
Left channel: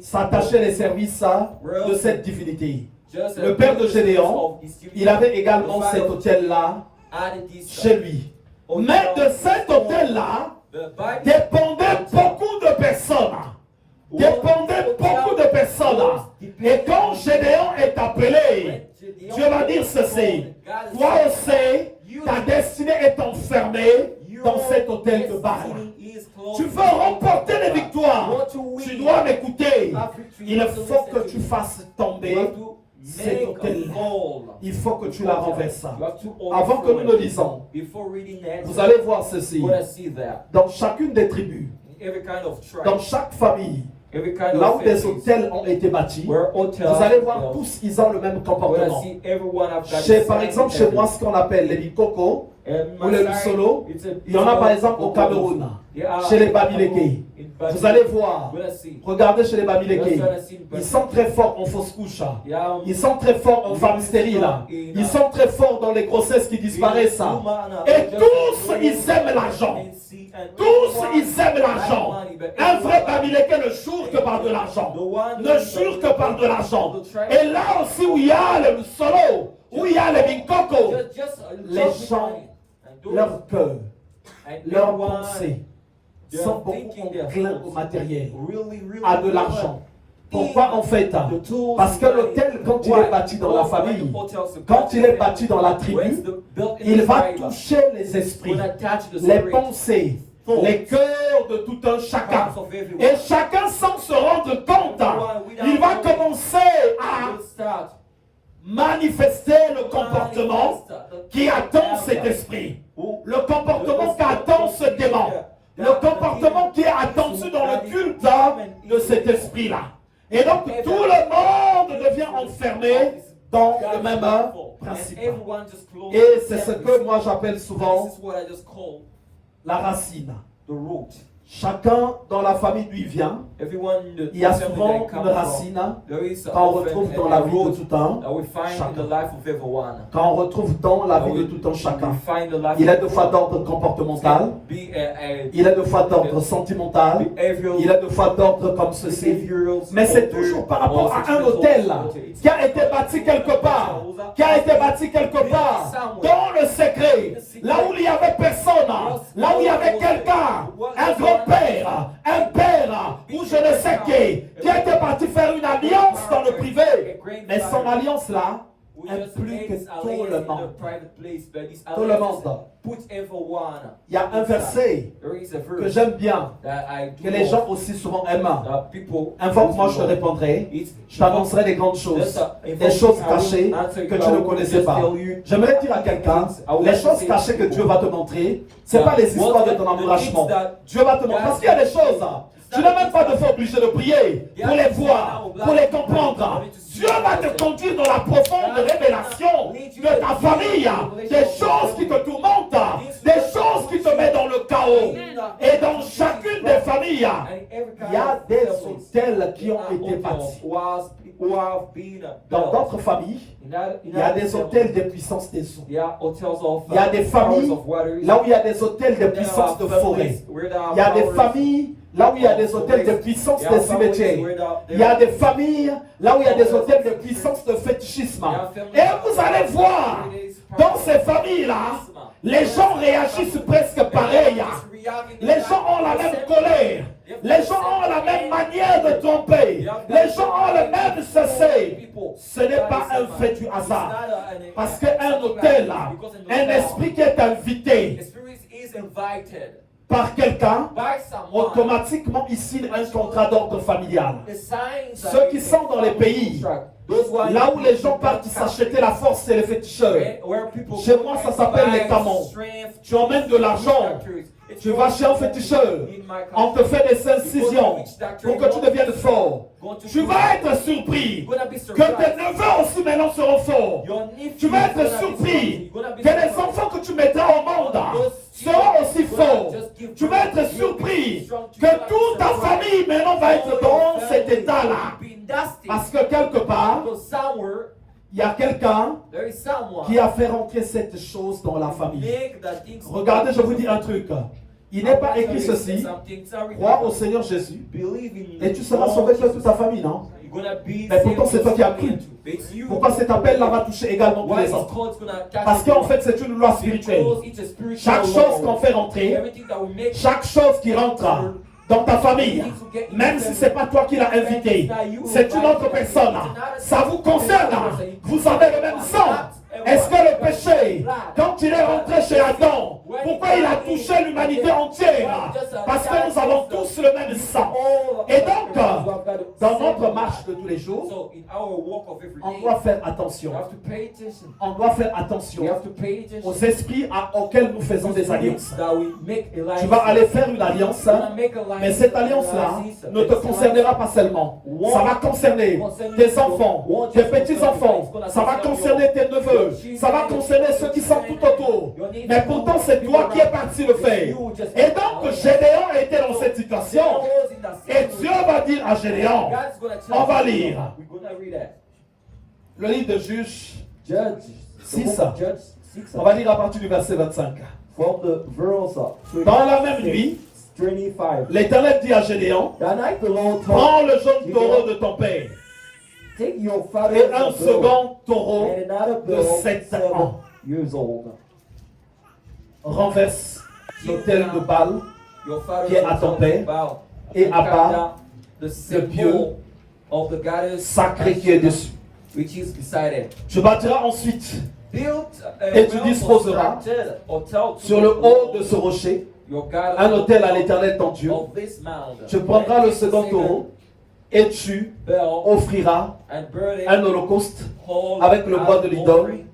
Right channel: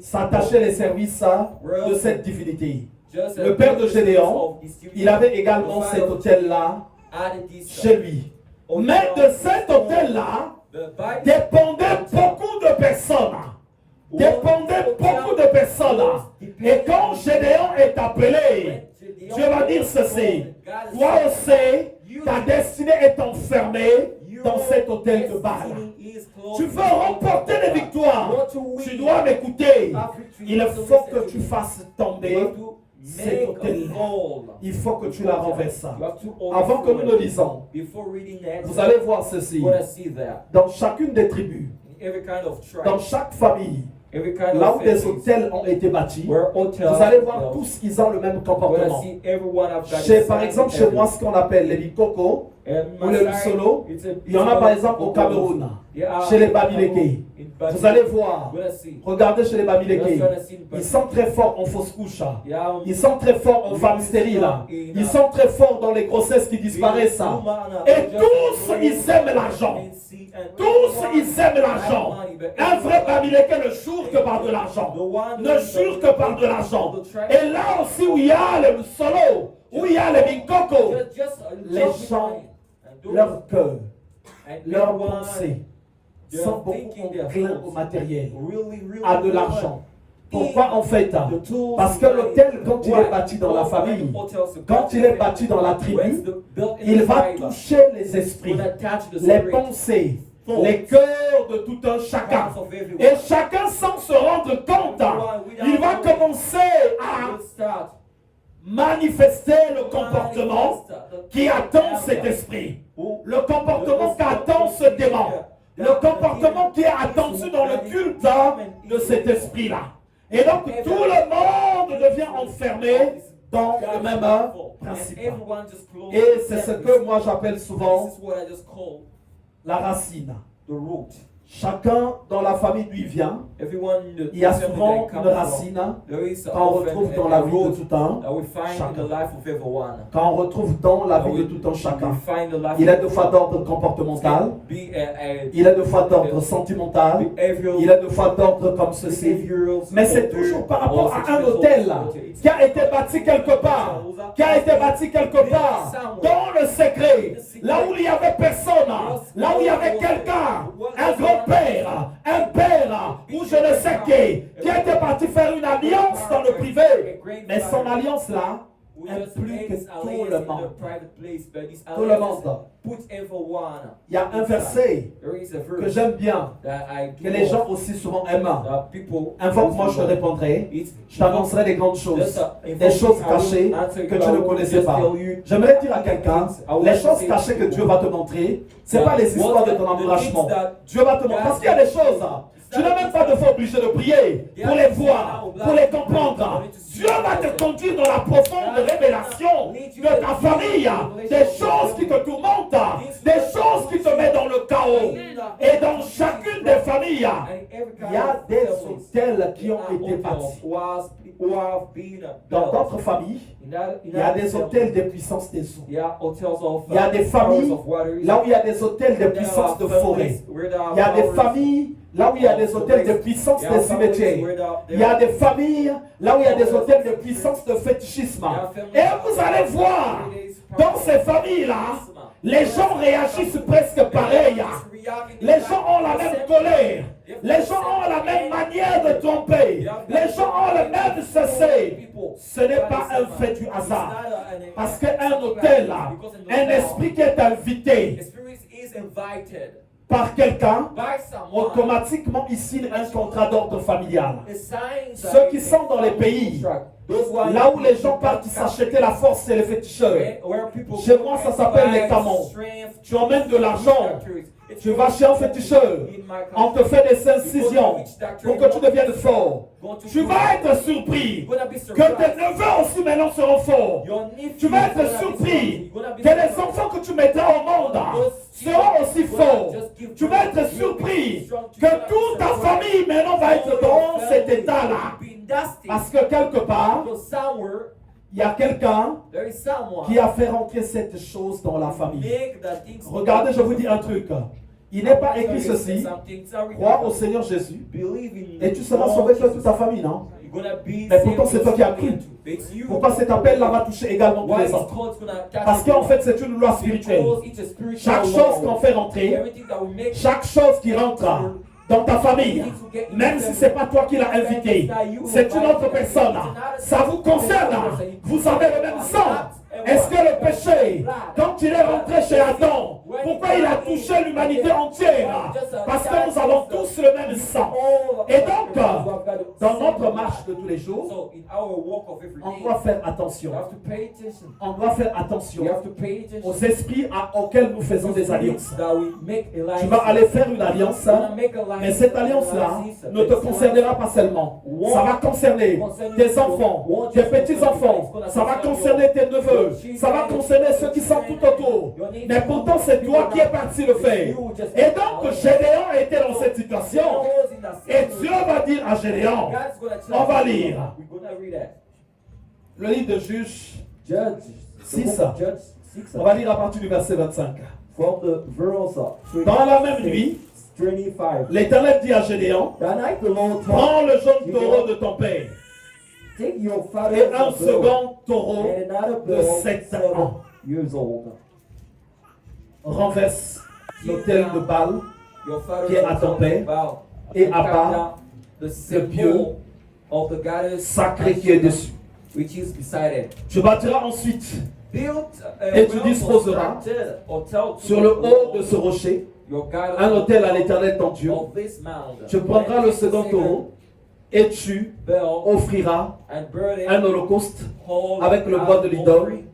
s'attachaient les services de cette divinité. Le père de Gédéon, il avait également cet hôtel-là chez lui. Mais de cet hôtel-là dépendaient beaucoup de personnes. Dépendaient beaucoup de personnes. Et quand Gédéon est appelé, Dieu va dire ceci: toi aussi, ta destinée est enfermée dans cet hôtel de Baal. Tu veux remporter les victoires. Tu dois m'écouter. Il faut que tu fasses tomber cet hôtel-là. Il faut que tu la renverses. Avant que nous le lisons, vous allez voir ceci. Dans chacune des tribus, dans chaque famille, là où des hôtels ont été bâtis, vous allez voir tous, ils ont le même comportement. Par exemple, chez moi, ce qu'on appelle les Likoko ou les Lusolo, il y en a par exemple au Cameroun, chez les Babileke. Vous allez voir, regardez chez les Babileke, ils sont très forts en fausse couche, ils sont très forts en femmes stériles, ils sont très forts dans les grossesses qui disparaissent. Et tous, ils aiment l'argent. Tous, ils aiment l'argent. Un vrai Babileke ne jure que par de l'argent. Ne jure que par de l'argent. Et là aussi où il y a les Lusolo, où il y a les Binkoko, les gens, leur cœur, leur pensée sont beaucoup enclins au matériel, à de l'argent. Pourquoi en fait? Parce que l'hôtel, quand il est bâti dans la famille, quand il est bâti dans la tribu, il va toucher les esprits, les pensées, les cœurs de tout un chacun. Et chacun sans se rendre compte, il va commencer à manifester le comportement qui attend cet esprit, le comportement qui attend ce démon, le comportement qui est attendu dans le culte de cet esprit-là. Et donc tout le monde devient enfermé dans le même principe. Et c'est ce que moi j'appelle souvent la racine. Chacun dans la famille d'où il vient, il y a souvent une racine qu'on retrouve dans la vie de tout un chacun. Quand on retrouve dans la vie de tout un chacun, il est de fois d'ordre comportemental, il est de fois d'ordre sentimental, il est de fois d'ordre comme ceci. Mais c'est toujours par rapport à un hôtel qui a été bâti quelque part, dans le secret, là où il n'y avait personne, là où il y avait quelqu'un, un grand-père, un père, ou je ne sais qui était parti faire une alliance dans le privé. Mais son alliance là, We just implique made this tout alliance le in a monde. private place, but this Tout le alliance monde. put everyone. Il y a un verset There is a que verse j'aime bien, that I que les gens aussi souvent aiment. Invoque-moi, je te répondrai. Je t'annoncerai des grandes choses, des choses cachées que tu ne connaissais pas. J'aimerais dire à quelqu'un, les choses cachées que Dieu va te montrer, ce n'est pas les histoires de ton encouragement. Dieu va te montrer, parce qu'il y a des choses, tu n'as même pas de fois obligé de prier pour les voir, pour les comprendre. Dieu va te conduire dans la profonde révélation de ta famille, des choses qui te tourmentent, des choses qui te mettent dans le chaos. Et dans chacune des familles, il y a des hôtels qui ont été bâtis. Dans d'autres familles, il y a des hôtels de puissance des eaux. Il y a des familles là où il y a des hôtels de puissance de forêt. Il y a des familles là où il y a des hôtels de puissance de cimetières. Il y a des familles là où il y a des hôtels de puissance de fétichisme. Et vous allez voir, dans ces familles-là, les gens réagissent presque pareil. Les gens ont la même colère. Les gens ont la même manière de tromper. Les gens ont le même cessé. Ce n'est pas un fait du hasard. Parce qu'un hôtel, un esprit qui est invité par quelqu'un, automatiquement ici un contrat d'ordre familial. Ceux qui sont dans les pays, là où les gens partent s'acheter la force, c'est les féticheurs. Chez moi, ça s'appelle les camons. Tu emmènes de l'argent, tu vas chez un féticheur, on te fait des incisions pour que tu deviennes fort. Tu vas être surpris que tes neveux aussi maintenant seront forts. Tu vas être surpris que les enfants que tu mettras au monde seront aussi forts. Tu vas être surpris que toute ta famille maintenant va être dans cet état-là. Parce que quelque part, il y a quelqu'un qui a fait rentrer cette chose dans la famille. Regardez, je vous dis un truc. Il n'est pas écrit ceci. Crois au Seigneur Jésus et tu seras sauvé que toute ta famille, non? Mais pourtant c'est toi qui as cru. Pourquoi cet appel-là va toucher également tous les autres? Parce qu'en fait c'est une loi spirituelle. Chaque chose qu'on fait rentrer, chaque chose qui rentre dans ta famille, même si ce n'est pas toi qui l'as invité, c'est une autre personne. Ça vous concerne. Vous avez le même sang. Est-ce que le péché, quand il est rentré chez Adam, pourquoi il a touché l'humanité entière? Parce que nous avons tous le même sang. Et donc, dans notre marche de tous les jours, on doit faire attention. On doit faire attention aux esprits auxquels nous faisons des alliances. Tu vas aller faire une alliance, mais cette alliance-là ne te concernera pas seulement. Ça va concerner tes enfants, tes petits-enfants, ça va concerner tes neveux. Ça va concerner ceux qui sont tout autour. Mais pourtant, c'est toi qui es parti le faire. Et donc, Gédéon était dans cette situation. Et Dieu va dire à Gédéon, on va lire le livre de Juges 6. On va lire à partir du verset 25. Dans la même nuit, l'Éternel dit à Gédéon, prends le jeune taureau de ton père et un second taureau de 7 ans. Renverse l'autel de Baal qui est à ton père et abat le Dieu sacré qui est dessus. Tu bâtiras ensuite et tu disposeras sur le haut de ce rocher un autel à l'Éternel ton Dieu. Tu prendras le second taureau et tu offriras un holocauste avec le bois de l'idole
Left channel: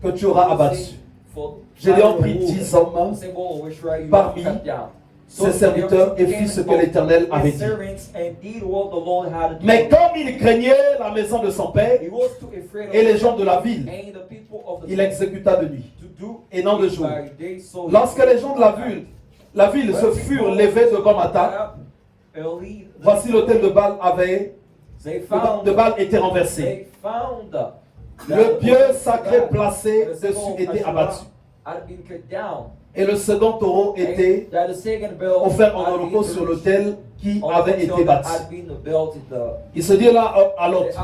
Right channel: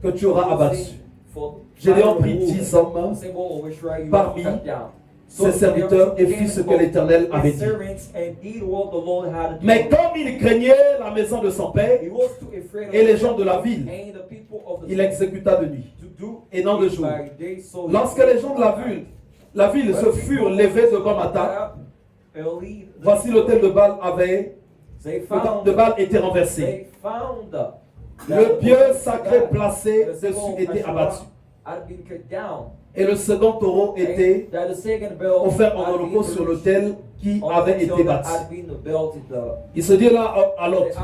que tu auras abattu. Gédéon prit 10 hommes parmi ses serviteurs et fit ce que l'Éternel avait dit. Mais comme il craignait la maison de son père et les gens de la ville, il exécuta de nuit et non de jour. Lorsque les gens de la ville se furent levés de bon matin, voici l'autel de Baal était renversé. Le Dieu sacré placé dessus était abattu. Et le second taureau était offert en holocauste sur l'autel qui avait été bâti. Ils se dirent l'un à l'autre,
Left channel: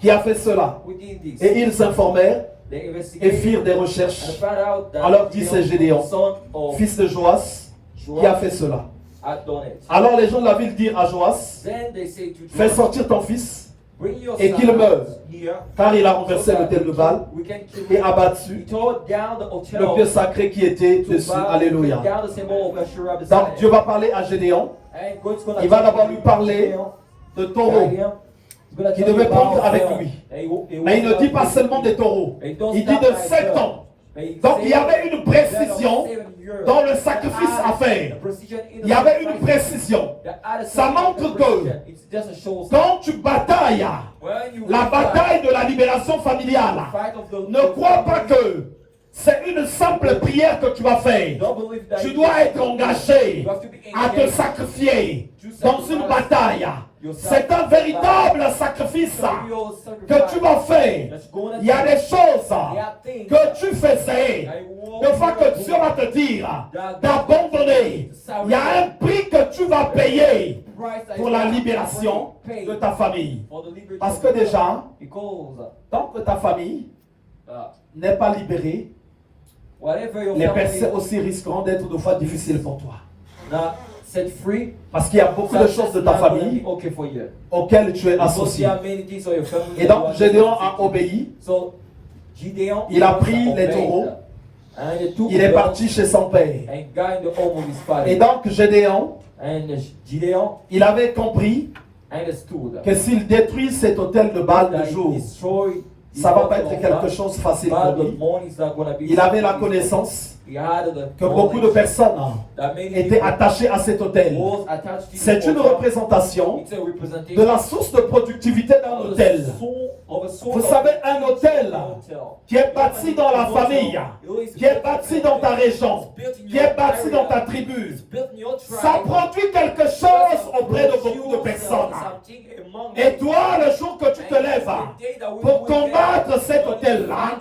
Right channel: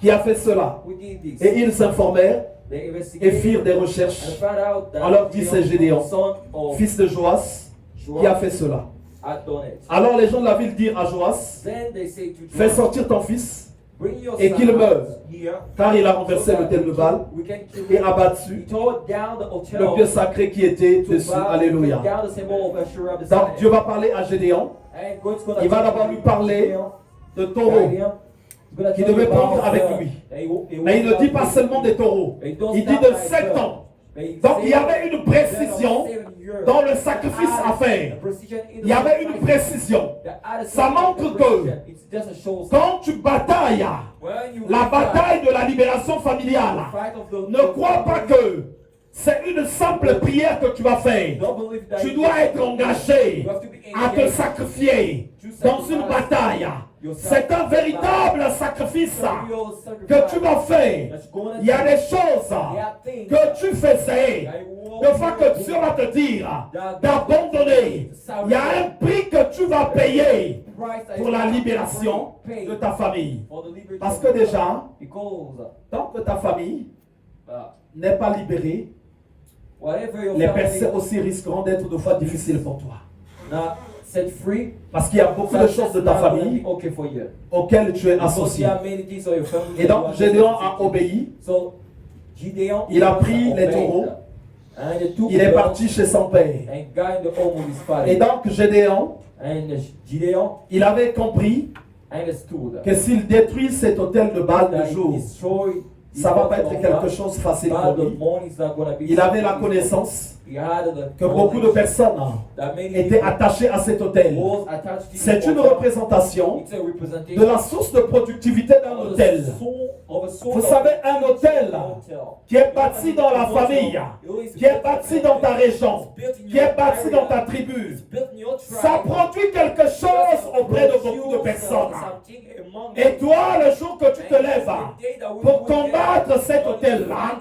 qui a fait cela? Et ils s'informèrent et firent des recherches. Alors dit c'est Gédéon, fils de Joas, qui a fait cela. Alors les gens de la ville dirent à Joas, fais sortir ton fils Bring your et qu'il son meure, here, car il a renversé l'autel de Baal we can kill et him. abattu He tore down the altar le pieu sacré qui était to dessus. Baal, Alléluia. down the symbol of Asherah beside Donc him. Dieu va parler à Gédéon. And God's gonna Il va tell d'abord him, lui parler de taureaux qui devaient pondre avec lui. Mais il ne dit pas seulement des taureaux. Il dit de 7 ans. Donc il y avait une précision dans le sacrifice à faire. Il y avait une précision. Ça montre que quand tu batailles, la bataille de la libération familiale, ne crois pas que c'est une simple prière que tu vas faire. Tu dois être engagé à te sacrifier dans une bataille. C'est un véritable sacrifice que tu vas faire. Il y a des choses que tu faisais. Une fois que Dieu va te dire d'abandonner, il y a un prix que tu vas payer pour la libération de ta famille. Parce que déjà, tant que ta famille n'est pas libérée, les percées aussi risqueront d'être de fois difficiles pour toi. Parce qu'il y a beaucoup de choses de ta famille auxquelles tu es associé. Et donc Gédéon a obéi. Il a pris les taureaux. Il est parti chez son père. Et donc Gédéon, il avait compris que s'il détruit cet autel de Baal de jour, ça ne va pas être quelque chose de facile pour lui. Il avait la connaissance que beaucoup de personnes étaient attachées à cet autel. C'est une représentation de la source de productivité d'un hôtel. Vous savez, un hôtel qui est bâti dans la famille, qui est bâti dans ta région, qui est bâti dans ta tribu, ça produit quelque chose auprès de beaucoup de personnes. Et toi, le jour que tu te lèves pour combattre cet hôtel-là,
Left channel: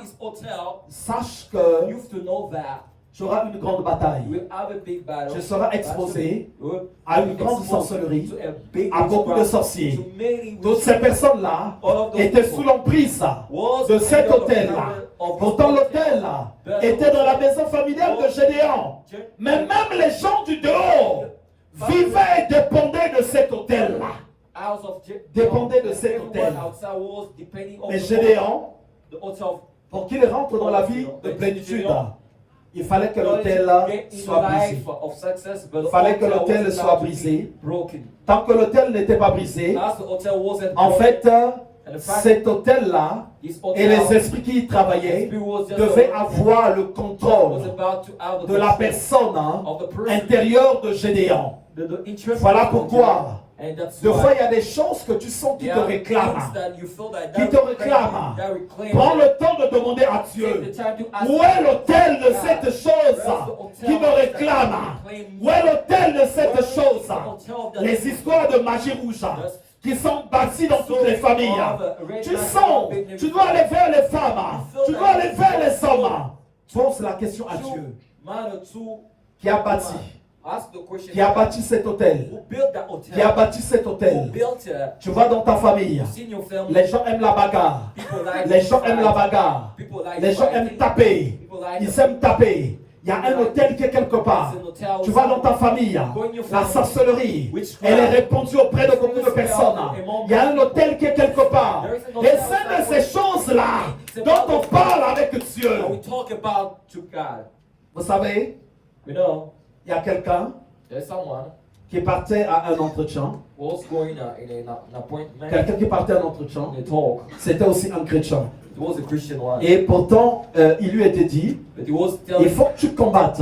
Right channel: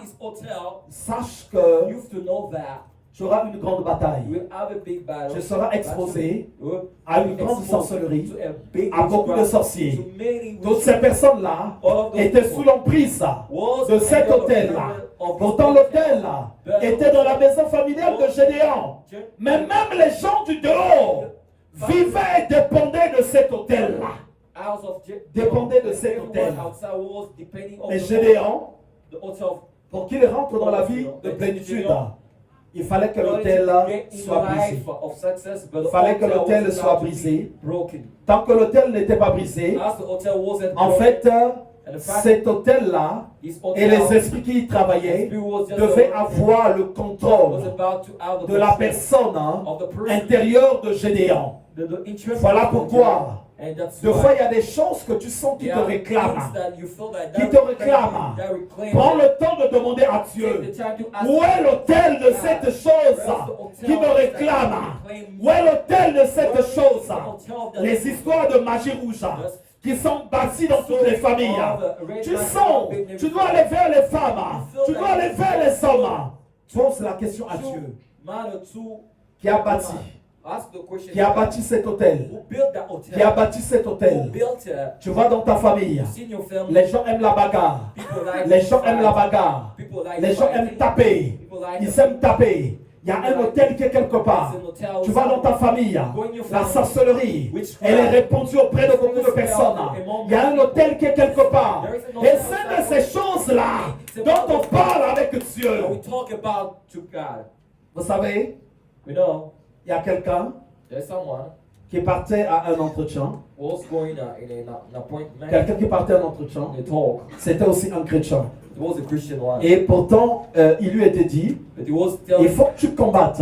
sache que tu auras une grande bataille. Tu seras exposé à une grande sorcellerie, à beaucoup de sorciers. Toutes ces personnes-là étaient sous l'emprise de cet hôtel-là. Pourtant, l'hôtel était dans la maison familiale de Gédéon. Mais même les gens du dehors vivaient et dépendaient de cet hôtel-là. Dépendaient de cet hôtel. Mais Gédéon, pour qu'il rentre dans la vie de plénitude, il fallait que l'autel soit brisé. Il fallait que l'autel soit brisé. Tant que l'autel n'était pas brisé, en fait, cet autel-là et les esprits qui y travaillaient devaient avoir le contrôle de la personne intérieure de Gédéon. Voilà pourquoi des fois, il y a des choses que tu sens qui te réclament. Qui te réclament. Prends le temps de demander à Dieu. Où est l'autel de cette chose qui me réclame? Où est l'autel de cette chose? Les histoires de magie rouge qui sont bâties dans toutes les familles. Tu sens, tu dois aller vers les femmes. Tu dois aller vers les hommes. Pose la question à Dieu. Qui a bâti? Qui a bâti cet hôtel? Qui a bâti cet hôtel? Tu vas dans ta famille. Les gens aiment la bagarre. Les gens aiment la bagarre. Les gens aiment taper. Ils aiment taper. Il y a un hôtel qui est quelque part. Tu vas dans ta famille. La sorcellerie, elle est répandue auprès de beaucoup de personnes. Il y a un hôtel qui est quelque part. Et c'est de ces choses-là dont on parle avec Dieu. Vous savez, il y a quelqu'un qui partait à un entretien. Quelqu'un qui partait à un entretien, c'était aussi un chrétien. Et pourtant, il lui était dit, il faut que tu combattes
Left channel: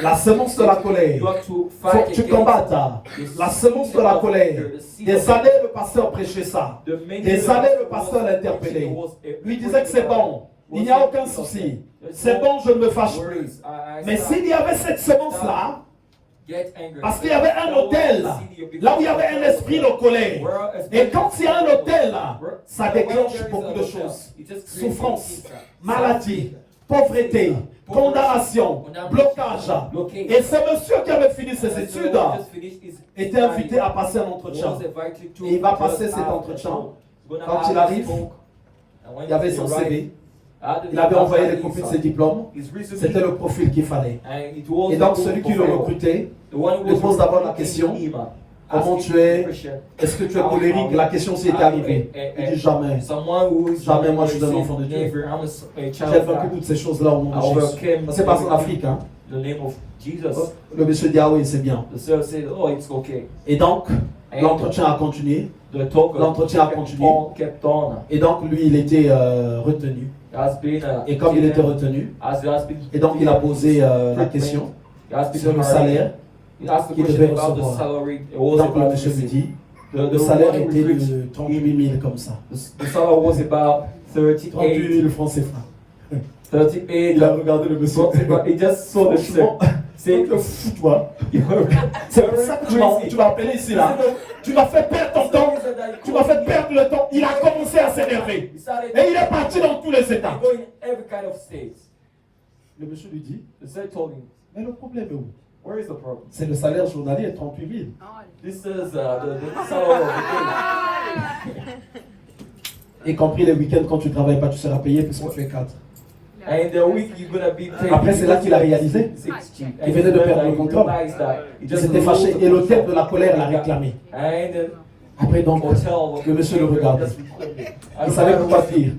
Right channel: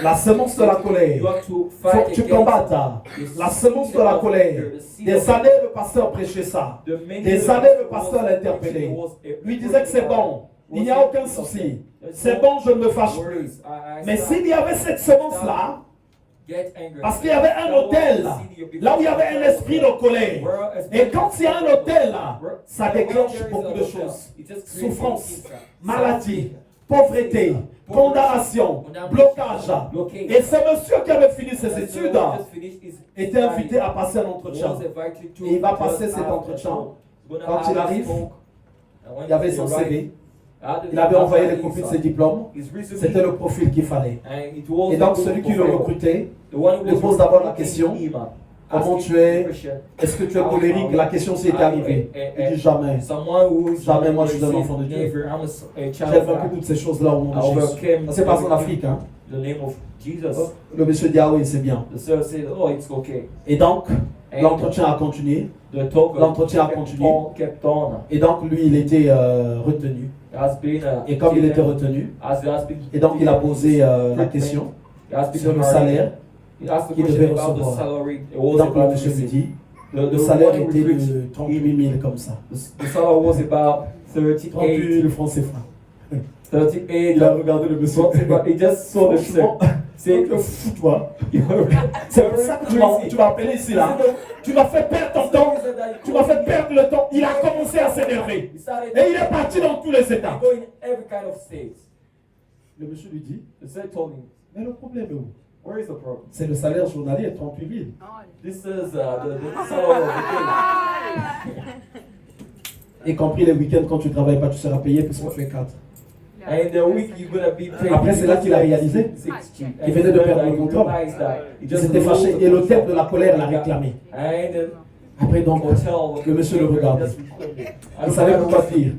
la semence de la colère. Il faut que tu combattes la semence de la colère. Des années, le pasteur prêchait ça. Des années, le pasteur l'interpellait. Lui disait que c'est bon. Il n'y a aucun souci. C'est bon, je ne me fâche plus. Mais s'il y avait cette semence-là, parce qu'il y avait un hôtel là où il y avait un esprit de colère. Et quand il y a un hôtel là, ça déclenche beaucoup de choses. Souffrance, maladie, pauvreté, condamnation, blocage. Et ce monsieur qui avait fini ses études était invité à passer un entretien. Et il va passer cet entretien. Quand il arrive, il y avait son CV. Il avait envoyé les copies de ses diplômes. C'était le profil qu'il fallait. Et donc celui qui le recrutait lui pose d'abord la question: comment asking tu es? Christian, Est-ce que tu es colérique? La question s'est arrivée. Il dit jamais. Someone who is Jamais, moi, je suis un say, enfant de Dieu. "Never, I'm a J'ai child of vaincu God." toutes ces choses-là au nom I de Jésus. overcame Ça s'est passé en Afrique. Hein? the name of Jesus. Le monsieur dit, ah oui, c'est bien. The sir said, "Oh, it's okay." Et donc, l'entretien a continué. The talk L'entretien a continué. kept on. Et donc, lui, il était retenu. Has been, Et comme il était retenu, has been, et donc il a posé la question sur le salaire qu'il devait recevoir. Et donc, le monsieur lui dit, le salaire était de 38 000 comme ça. The salary was about 38 38. 000 francs CFA. 38. Il a regardé le monsieur. He just saw the Franchement, C'est fous-toi. C'est pour ça que tu m'as appelé ici là. Tu m'as fait perdre ton temps. Tu m'as fait perdre le temps. Il a commencé à s'énerver. Et il est parti dans tous les états. Going every kind of states. Le monsieur lui dit, The sir told him, mais le problème est où? "Where is the problem? C'est le salaire journalier, 38 000. This is the salary of the day. Y compris les week-ends quand tu ne travailles pas, tu seras payé puisqu'on fait 4. And the week you're gonna be paid." Après, c'est là qu'il a réalisé. Il venait de perdre le contrôle. Il s'était fâché et l'hôtel de la colère l'a réclamé. And then Après, donc, le monsieur le regardait. Il savait quoi dire.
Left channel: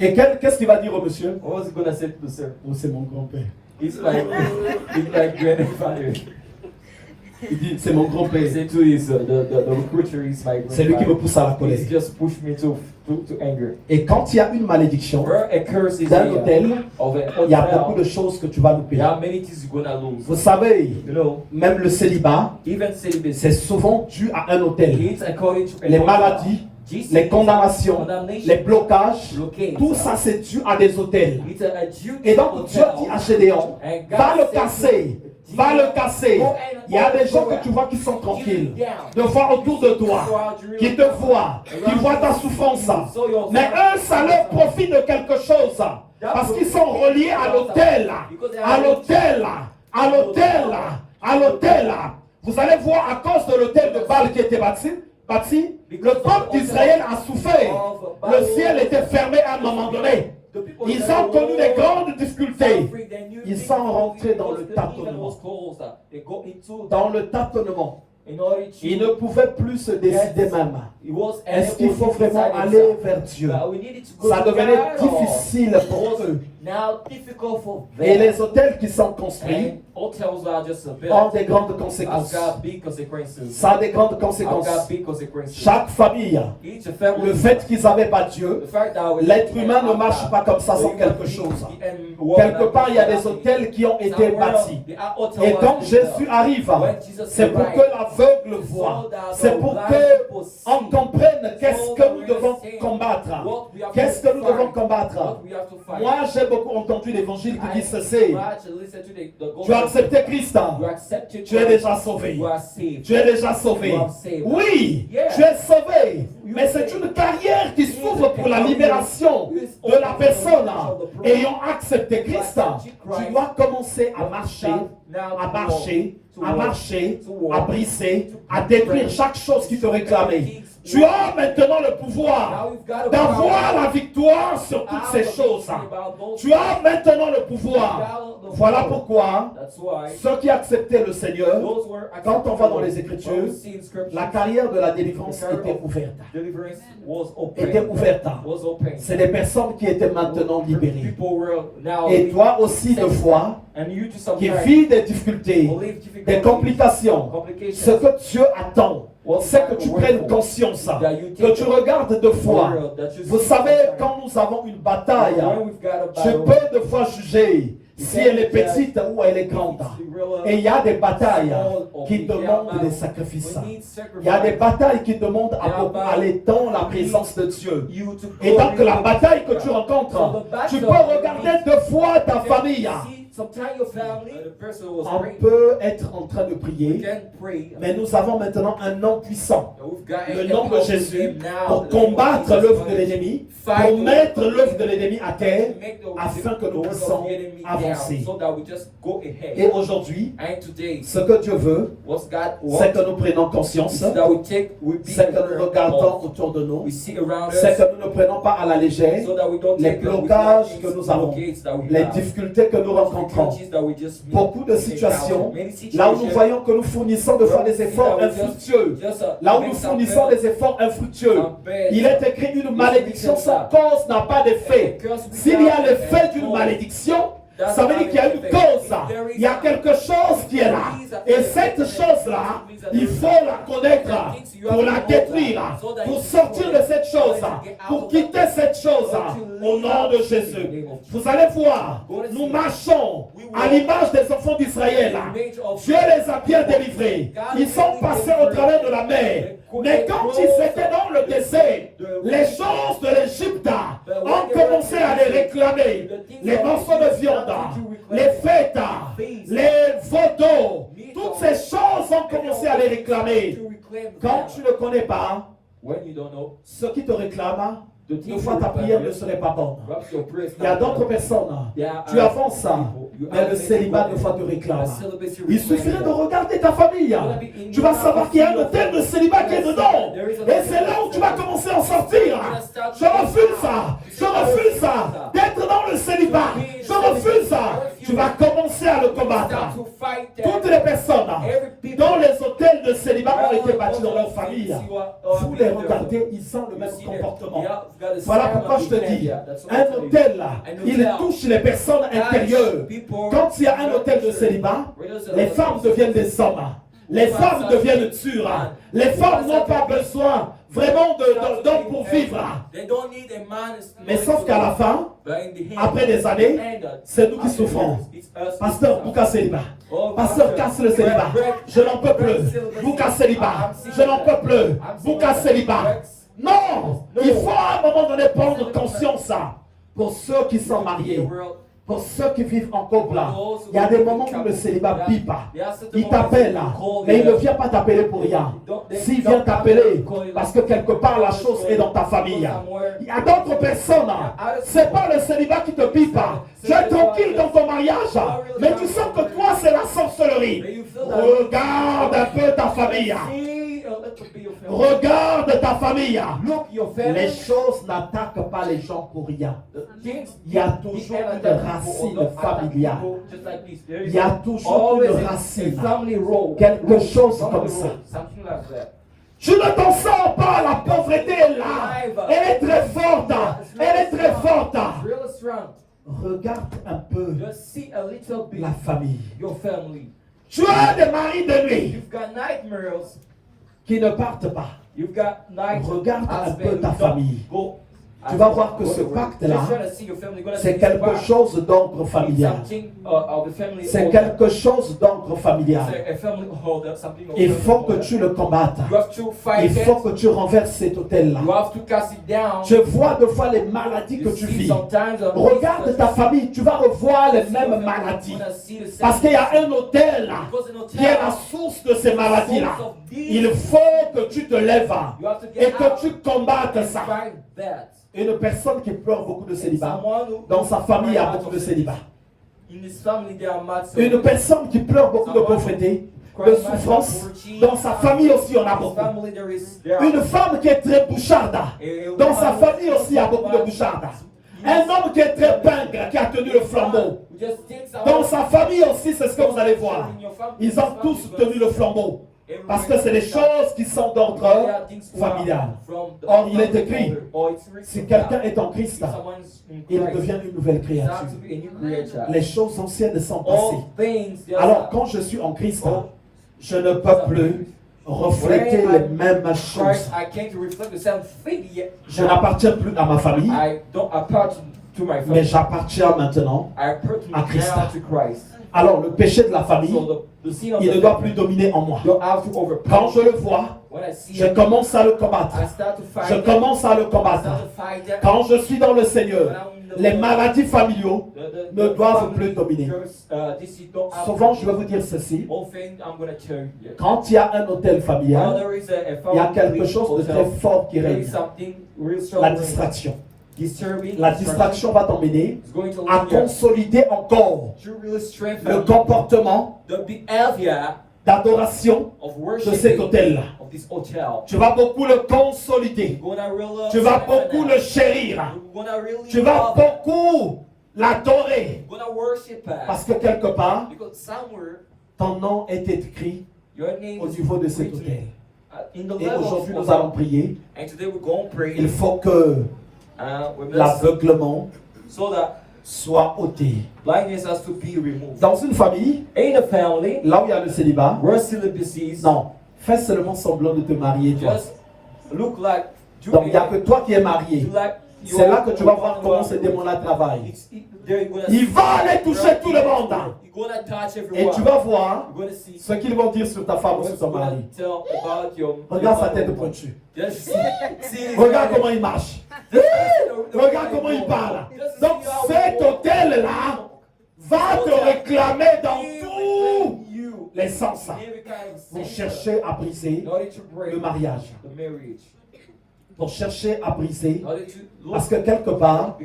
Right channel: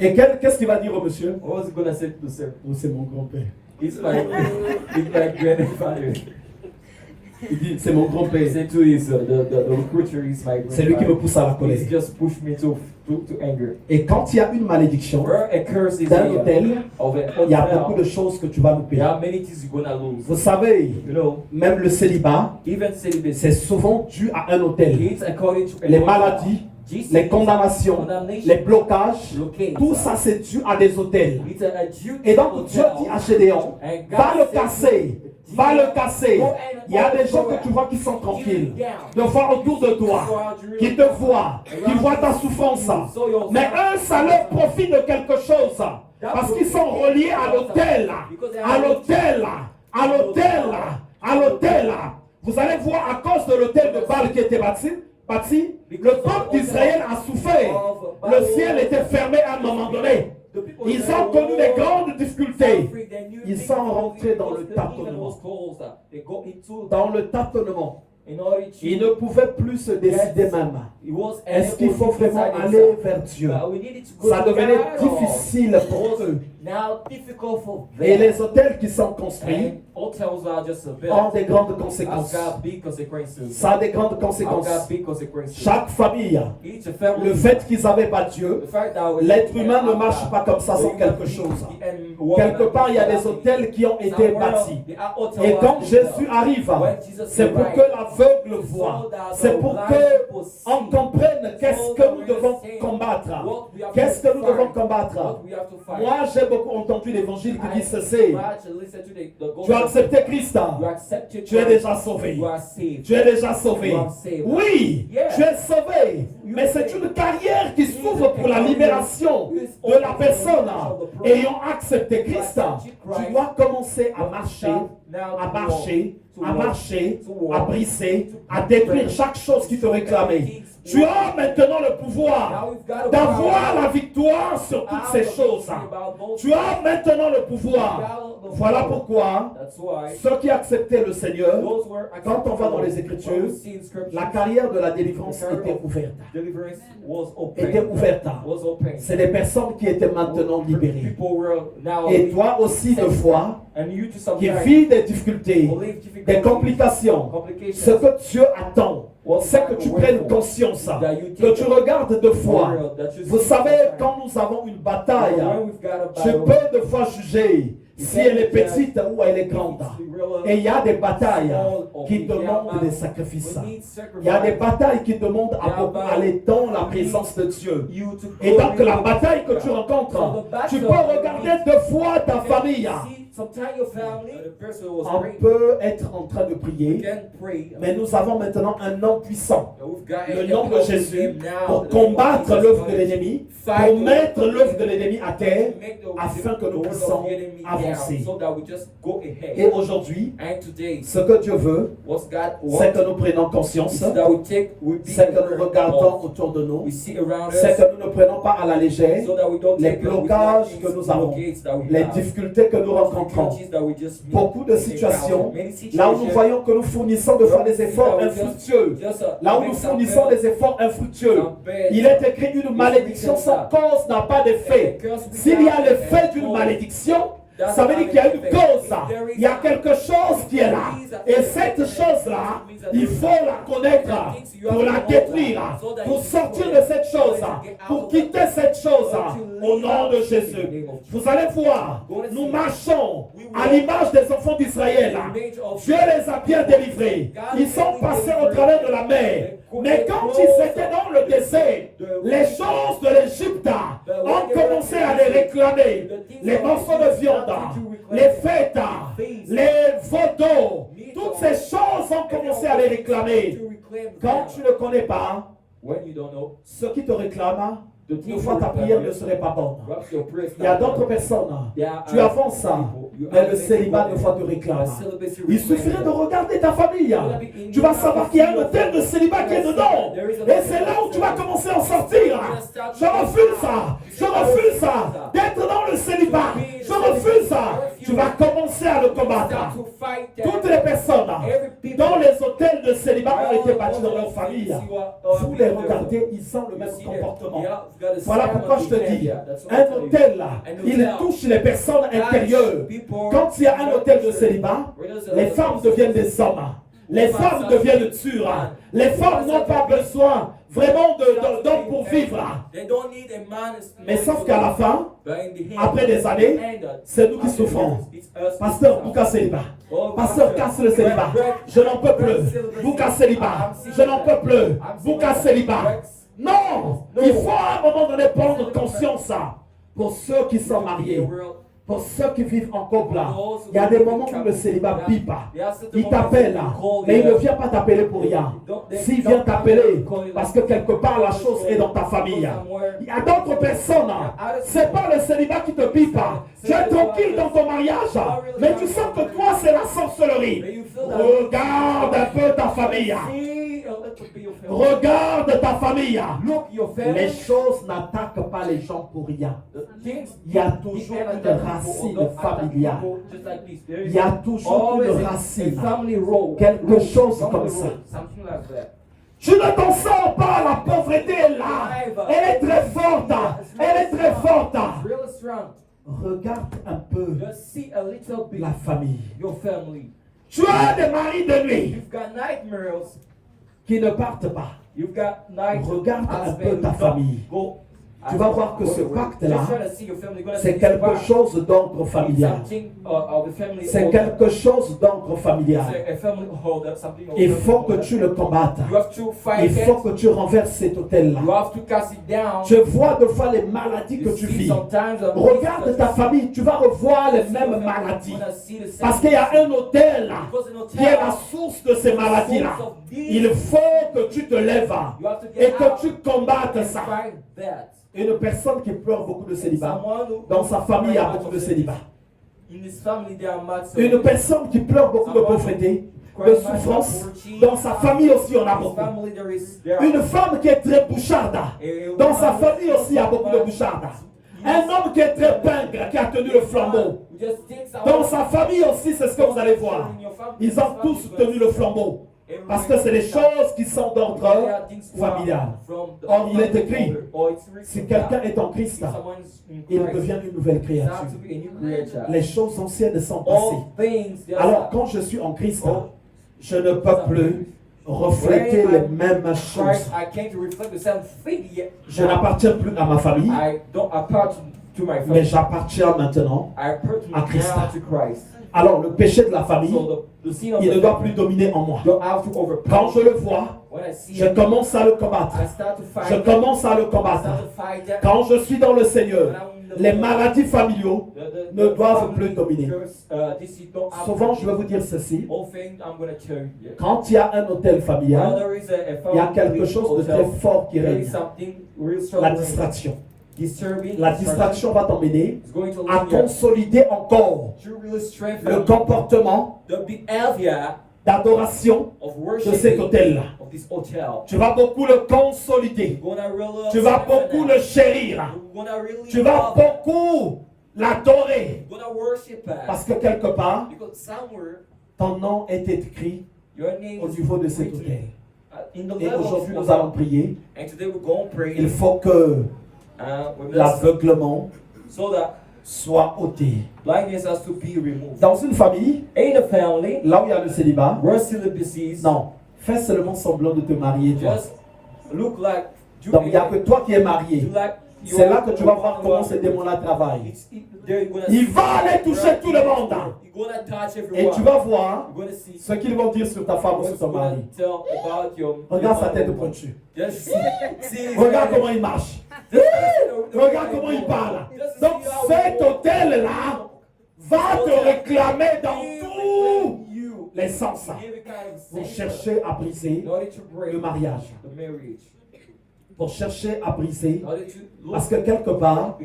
Et qu'est-ce qu'il va dire au monsieur? What was he gonna say to the sir? Oh, c'est mon grand-père. It's my grandfather. Il dit, c'est mon grand-père. Say to his the recruiter is my grandfather. C'est lui qui me pousse à la colère. He's just pushed me to anger. Et quand il y a une malédiction Where a curse is d'un hôtel, of an il y a beaucoup hotel, de choses que tu vas louper. there are many things you're gonna lose. Vous savez, You know, même le célibat, even celibacy, c'est souvent dû à un hôtel. it's according to Les maladies, les condamnations, les blocages, tout ça c'est dû à des hôtels. It's a due Et donc Dieu dit à Gédéon, va le casser, va le casser. Il y a des gens que tu vois qui sont tranquilles, de voir autour de toi, qui te voient, qui voient ta souffrance. Mais eux, ça leur profite de quelque chose, parce qu'ils sont reliés à l'hôtel, à l'hôtel, à l'hôtel, à l'hôtel. Vous allez voir à cause de l'hôtel de Baal qui était bâti, le peuple d'Israël a souffert. Le ciel était fermé à un moment donné. Ils ont connu des grandes difficultés. Ils sont rentrés dans le tâtonnement. Dans le tâtonnement. Ils ne pouvaient plus se décider même. Est-ce qu'il faut vraiment aller vers Dieu? Ça devenait difficile pour eux. Et les hôtels qui sont construits ont des grandes conséquences. Ça a des grandes conséquences. Chaque famille, le fait qu'ils n'avaient pas Dieu, l'être humain ne marche pas comme ça sans quelque chose. Quelque part, il y a des hôtels qui ont été bâtis. Et quand Jésus arrive, c'est pour que l'aveugle voie. C'est pour qu'on comprenne qu'est-ce que nous devons combattre. Qu'est-ce que nous devons combattre? Moi, j'ai beaucoup entendu l'évangile qui dit ceci. Tu as accepté Christ. Tu es déjà sauvé. Tu es déjà sauvé. Oui, tu es sauvé. Mais c'est une carrière qui s'ouvre pour la libération de la personne ayant accepté Christ. Tu dois commencer à marcher, à marcher, à marcher, à briser, à détruire chaque chose qui te réclamait. Tu as maintenant le pouvoir d'avoir la victoire sur toutes ces choses. Tu as maintenant le pouvoir. Voilà pourquoi ceux qui acceptaient le Seigneur, quand on va dans les Écritures, la carrière de la délivrance était ouverte. Était ouverte. C'est des personnes qui étaient maintenant libérées. Et toi aussi, de foi, qui vis des difficultés, des complications, ce que Dieu attend, c'est que tu prennes conscience, que tu regardes de foi. Vous savez, quand nous avons une bataille, tu peux de fois juger si elle est petite ou elle est grande. Et il y a des batailles qui demandent des sacrifices. Il y a des batailles qui demandent à beaucoup aller dans la présence de Dieu. Et donc la bataille que tu rencontres, tu peux regarder de fois ta famille. On peut être en train de prier, mais nous avons maintenant un nom puissant, le nom de Jésus, pour combattre l'œuvre de l'ennemi, pour mettre l'œuvre de l'ennemi à terre, afin que nous puissions avancer. Et aujourd'hui, ce que Dieu veut, c'est que nous prenions conscience, c'est que nous regardons autour de nous, c'est que nous ne prenons pas à la légère les blocages que nous avons, les difficultés que nous rencontrons. rentrant. difficulties that we just meet, Beaucoup de situations, many là où nous situations, voyons que nous fournissons de fois des efforts infructueux, là où nous fournissons des efforts infructueux, il est écrit une malédiction sans cause n'a pas d'effet. S'il y a l'effet d'une malédiction, ça veut dire qu'il y a une cause, il y a quelque chose qui est là. Et cette chose-là, il faut la connaître pour la détruire, pour sortir de cette chose, pour quitter cette chose au nom de Jésus. Vous allez voir, nous marchons à l'image des enfants d'Israël. Dieu les a bien délivrés. Ils sont passés au travers de la mer. Mais quand ils étaient dans le désert, les choses de l'Égypte ont commencé à les réclamer. Les morceaux de viande, les fêtes, les photos, toutes ces choses ont commencé à les réclamer. Quand tu ne connais pas, ce qui te réclame, une fois ta prière ne serait pas bonne. Il y a d'autres personnes, tu avances, mais le célibat des fois te réclame. Il suffirait de regarder ta famille. Tu vas savoir qu'il y a un hôtel de célibat qui est dedans. Et c'est là où tu vas commencer à en sortir. Je refuse ça. Je refuse ça. D'être dans le célibat. Je refuse ça. Tu vas commencer à le combattre. Toutes les personnes dont les hôtels de célibat ont été bâtis dans leur famille, vous les regardez, ils ont le même comportement. Voilà pourquoi je te dis, un hôtel, il touche les personnes intérieures. Quand il y a un hôtel de célibat, les femmes deviennent des hommes. Les femmes deviennent dures. Les femmes n'ont pas besoin vraiment d'hommes pour vivre. Mais sauf qu'à la fin, après des années, c'est nous qui souffrons. Pasteur, Bouka célibat. Pasteur, casse le célibat. Je n'en peux plus. Bouka célibat. Je n'en peux plus. Bouka célibat. Non, il faut à un moment donné prendre conscience pour ceux qui sont mariés. Pour ceux qui vivent en couple, il y a des moments où le célibat pipe. Il t'appelle, mais il ne vient pas t'appeler pour rien. S'il vient t'appeler, parce que quelque part la chose est dans ta famille. Il y a d'autres personnes, c'est pas le célibat qui te pipe. Tu es tranquille dans ton mariage, mais tu sens que toi c'est la sorcellerie. Regarde un peu ta famille. Regarde ta famille. Les choses n'attaquent pas les gens pour rien. Il y a toujours une racine familiale. Il y a toujours une racine. Quelque chose comme ça. Je ne t'en sors pas, la pauvreté est là. Elle est très forte. Elle est très forte. Regarde un peu la famille. Tu as des maris de nuit qui ne partent pas. Regarde un peu ta famille. Tu vas voir que ce pacte-là, c'est quelque chose d'ordre familial. C'est quelque chose d'ordre familial. Il faut que tu le combattes. Il faut que tu renverses cet hôtel-là. Je vois de fois les maladies que tu vis. Regarde ta famille, tu vas revoir les mêmes maladies. Parce qu'il y a un hôtel qui est la source de ces maladies-là. Il faut que tu te lèves et que tu combattes ça. Une personne qui pleure beaucoup de célibat, dans sa famille il y a beaucoup de célibat. Une personne qui pleure beaucoup de pauvreté, de souffrance, dans sa famille aussi on a beaucoup. Une femme qui est très boucharde, dans sa famille aussi il y a beaucoup de boucharde. Un homme qui est très pingre, qui a tenu le flambeau. Dans sa famille aussi c'est ce que vous allez voir. Ils ont tous tenu le flambeau. Parce que c'est des choses qui sont d'ordre familial. Or, il est écrit, si quelqu'un est en Christ, il devient une nouvelle créature. Les choses anciennes sont passées. Alors, quand je suis en Christ, je ne peux plus refléter les mêmes choses. Je n'appartiens plus à ma famille, mais j'appartiens maintenant à Christ. Alors, le péché de la famille, il ne doit plus dominer en moi. Quand je le vois, je commence à le combattre. Je commence à le combattre. Quand je suis dans le Seigneur, les maladies familiaux ne doivent plus dominer. Souvent, je vais vous dire ceci. Quand il y a un hôtel familial, il y a quelque chose de très fort qui règne. La distraction. La distraction va t'emmener à consolider encore le comportement d'adoration de cet hôtel-là. Tu vas beaucoup le consolider. Tu vas beaucoup le chérir. Tu vas beaucoup l'adorer. We're gonna worship that. Parce que quelque part, Because somewhere ton nom est écrit your name au is niveau de cet written, autel. in the Et level aujourd'hui, of nous allons prier. And today we're going to pray. Il faut que We must, l'aveuglement so that soit ôté. blindness has to be removed. Dans une famille, In a family, là où il y a le célibat, where celibacy is, non, fais seulement semblant de te marier. Toi. just look like you Donc il n'y a que toi qui es marié. you like C'est là que tu vas voir comment ce démon-là travaille. Il va aller toucher tout le monde. You're gonna touch Et everyone. tu vas voir You're gonna see ce qu'ils vont dire sur ta femme ou sur ton mari. tell about your Regarde sa tête pointue. Just see Regarde comment il marche. Regarde comment il parle. Donc cet hôtel-là va te réclamer dans tous les sens pour chercher à briser le mariage. Pour chercher à briser. Parce que quelque part,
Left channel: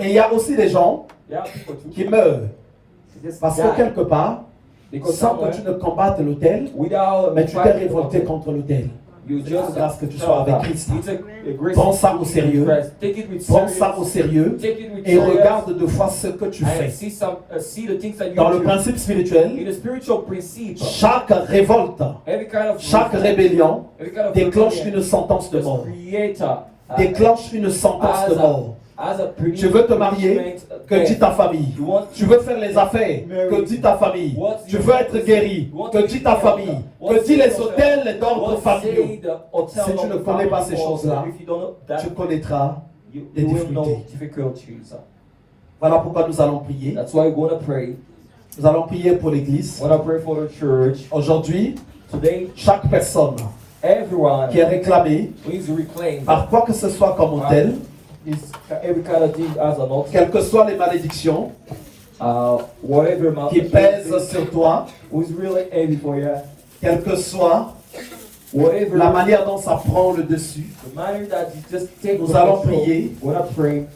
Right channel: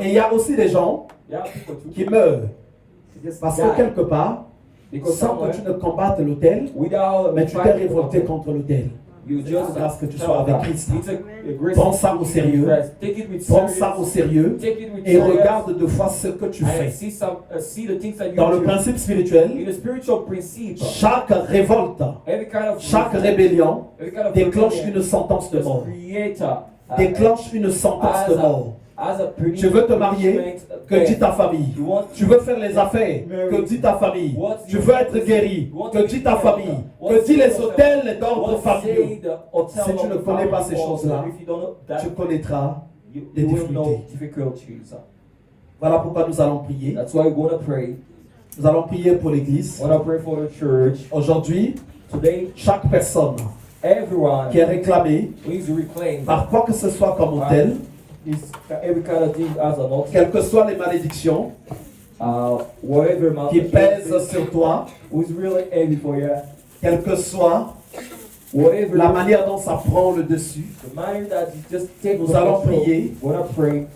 et il y a aussi des gens qui meurent. Parce que quelque part, sans que tu ne combattes l'autel, mais tu t'es révolté contre l'autel. C'est grâce que tu sois avec Christ. Prends ça au sérieux. Prends ça au sérieux. Et regarde de fois ce que tu fais. Dans le principe spirituel, chaque révolte, chaque rébellion déclenche une sentence de mort. Déclenche une sentence de mort. Tu veux te marier, que dit ta famille. Tu veux faire les affaires, que dit ta famille. Tu veux être guéri, que dit ta famille. Que dit les hôtels d'ordre familiaux. Si tu ne connais pas ces choses-là, tu connaîtras les difficultés. Voilà pourquoi nous allons prier. That's why we're going to pray. Nous allons prier pour l'église. We're going to pray for the church. Aujourd'hui, Today, chaque personne everyone qui est réclamée needs to reclaim par quoi que ce soit comme hôtel, every kind of thing as an altar. quelles que soient les malédictions Whatever qui pèsent sur toi, who's really heavy for you, quelle que soit whatever la manière dont ça prend le dessus, the matter that you just take. nous allons prier. We're gonna pray.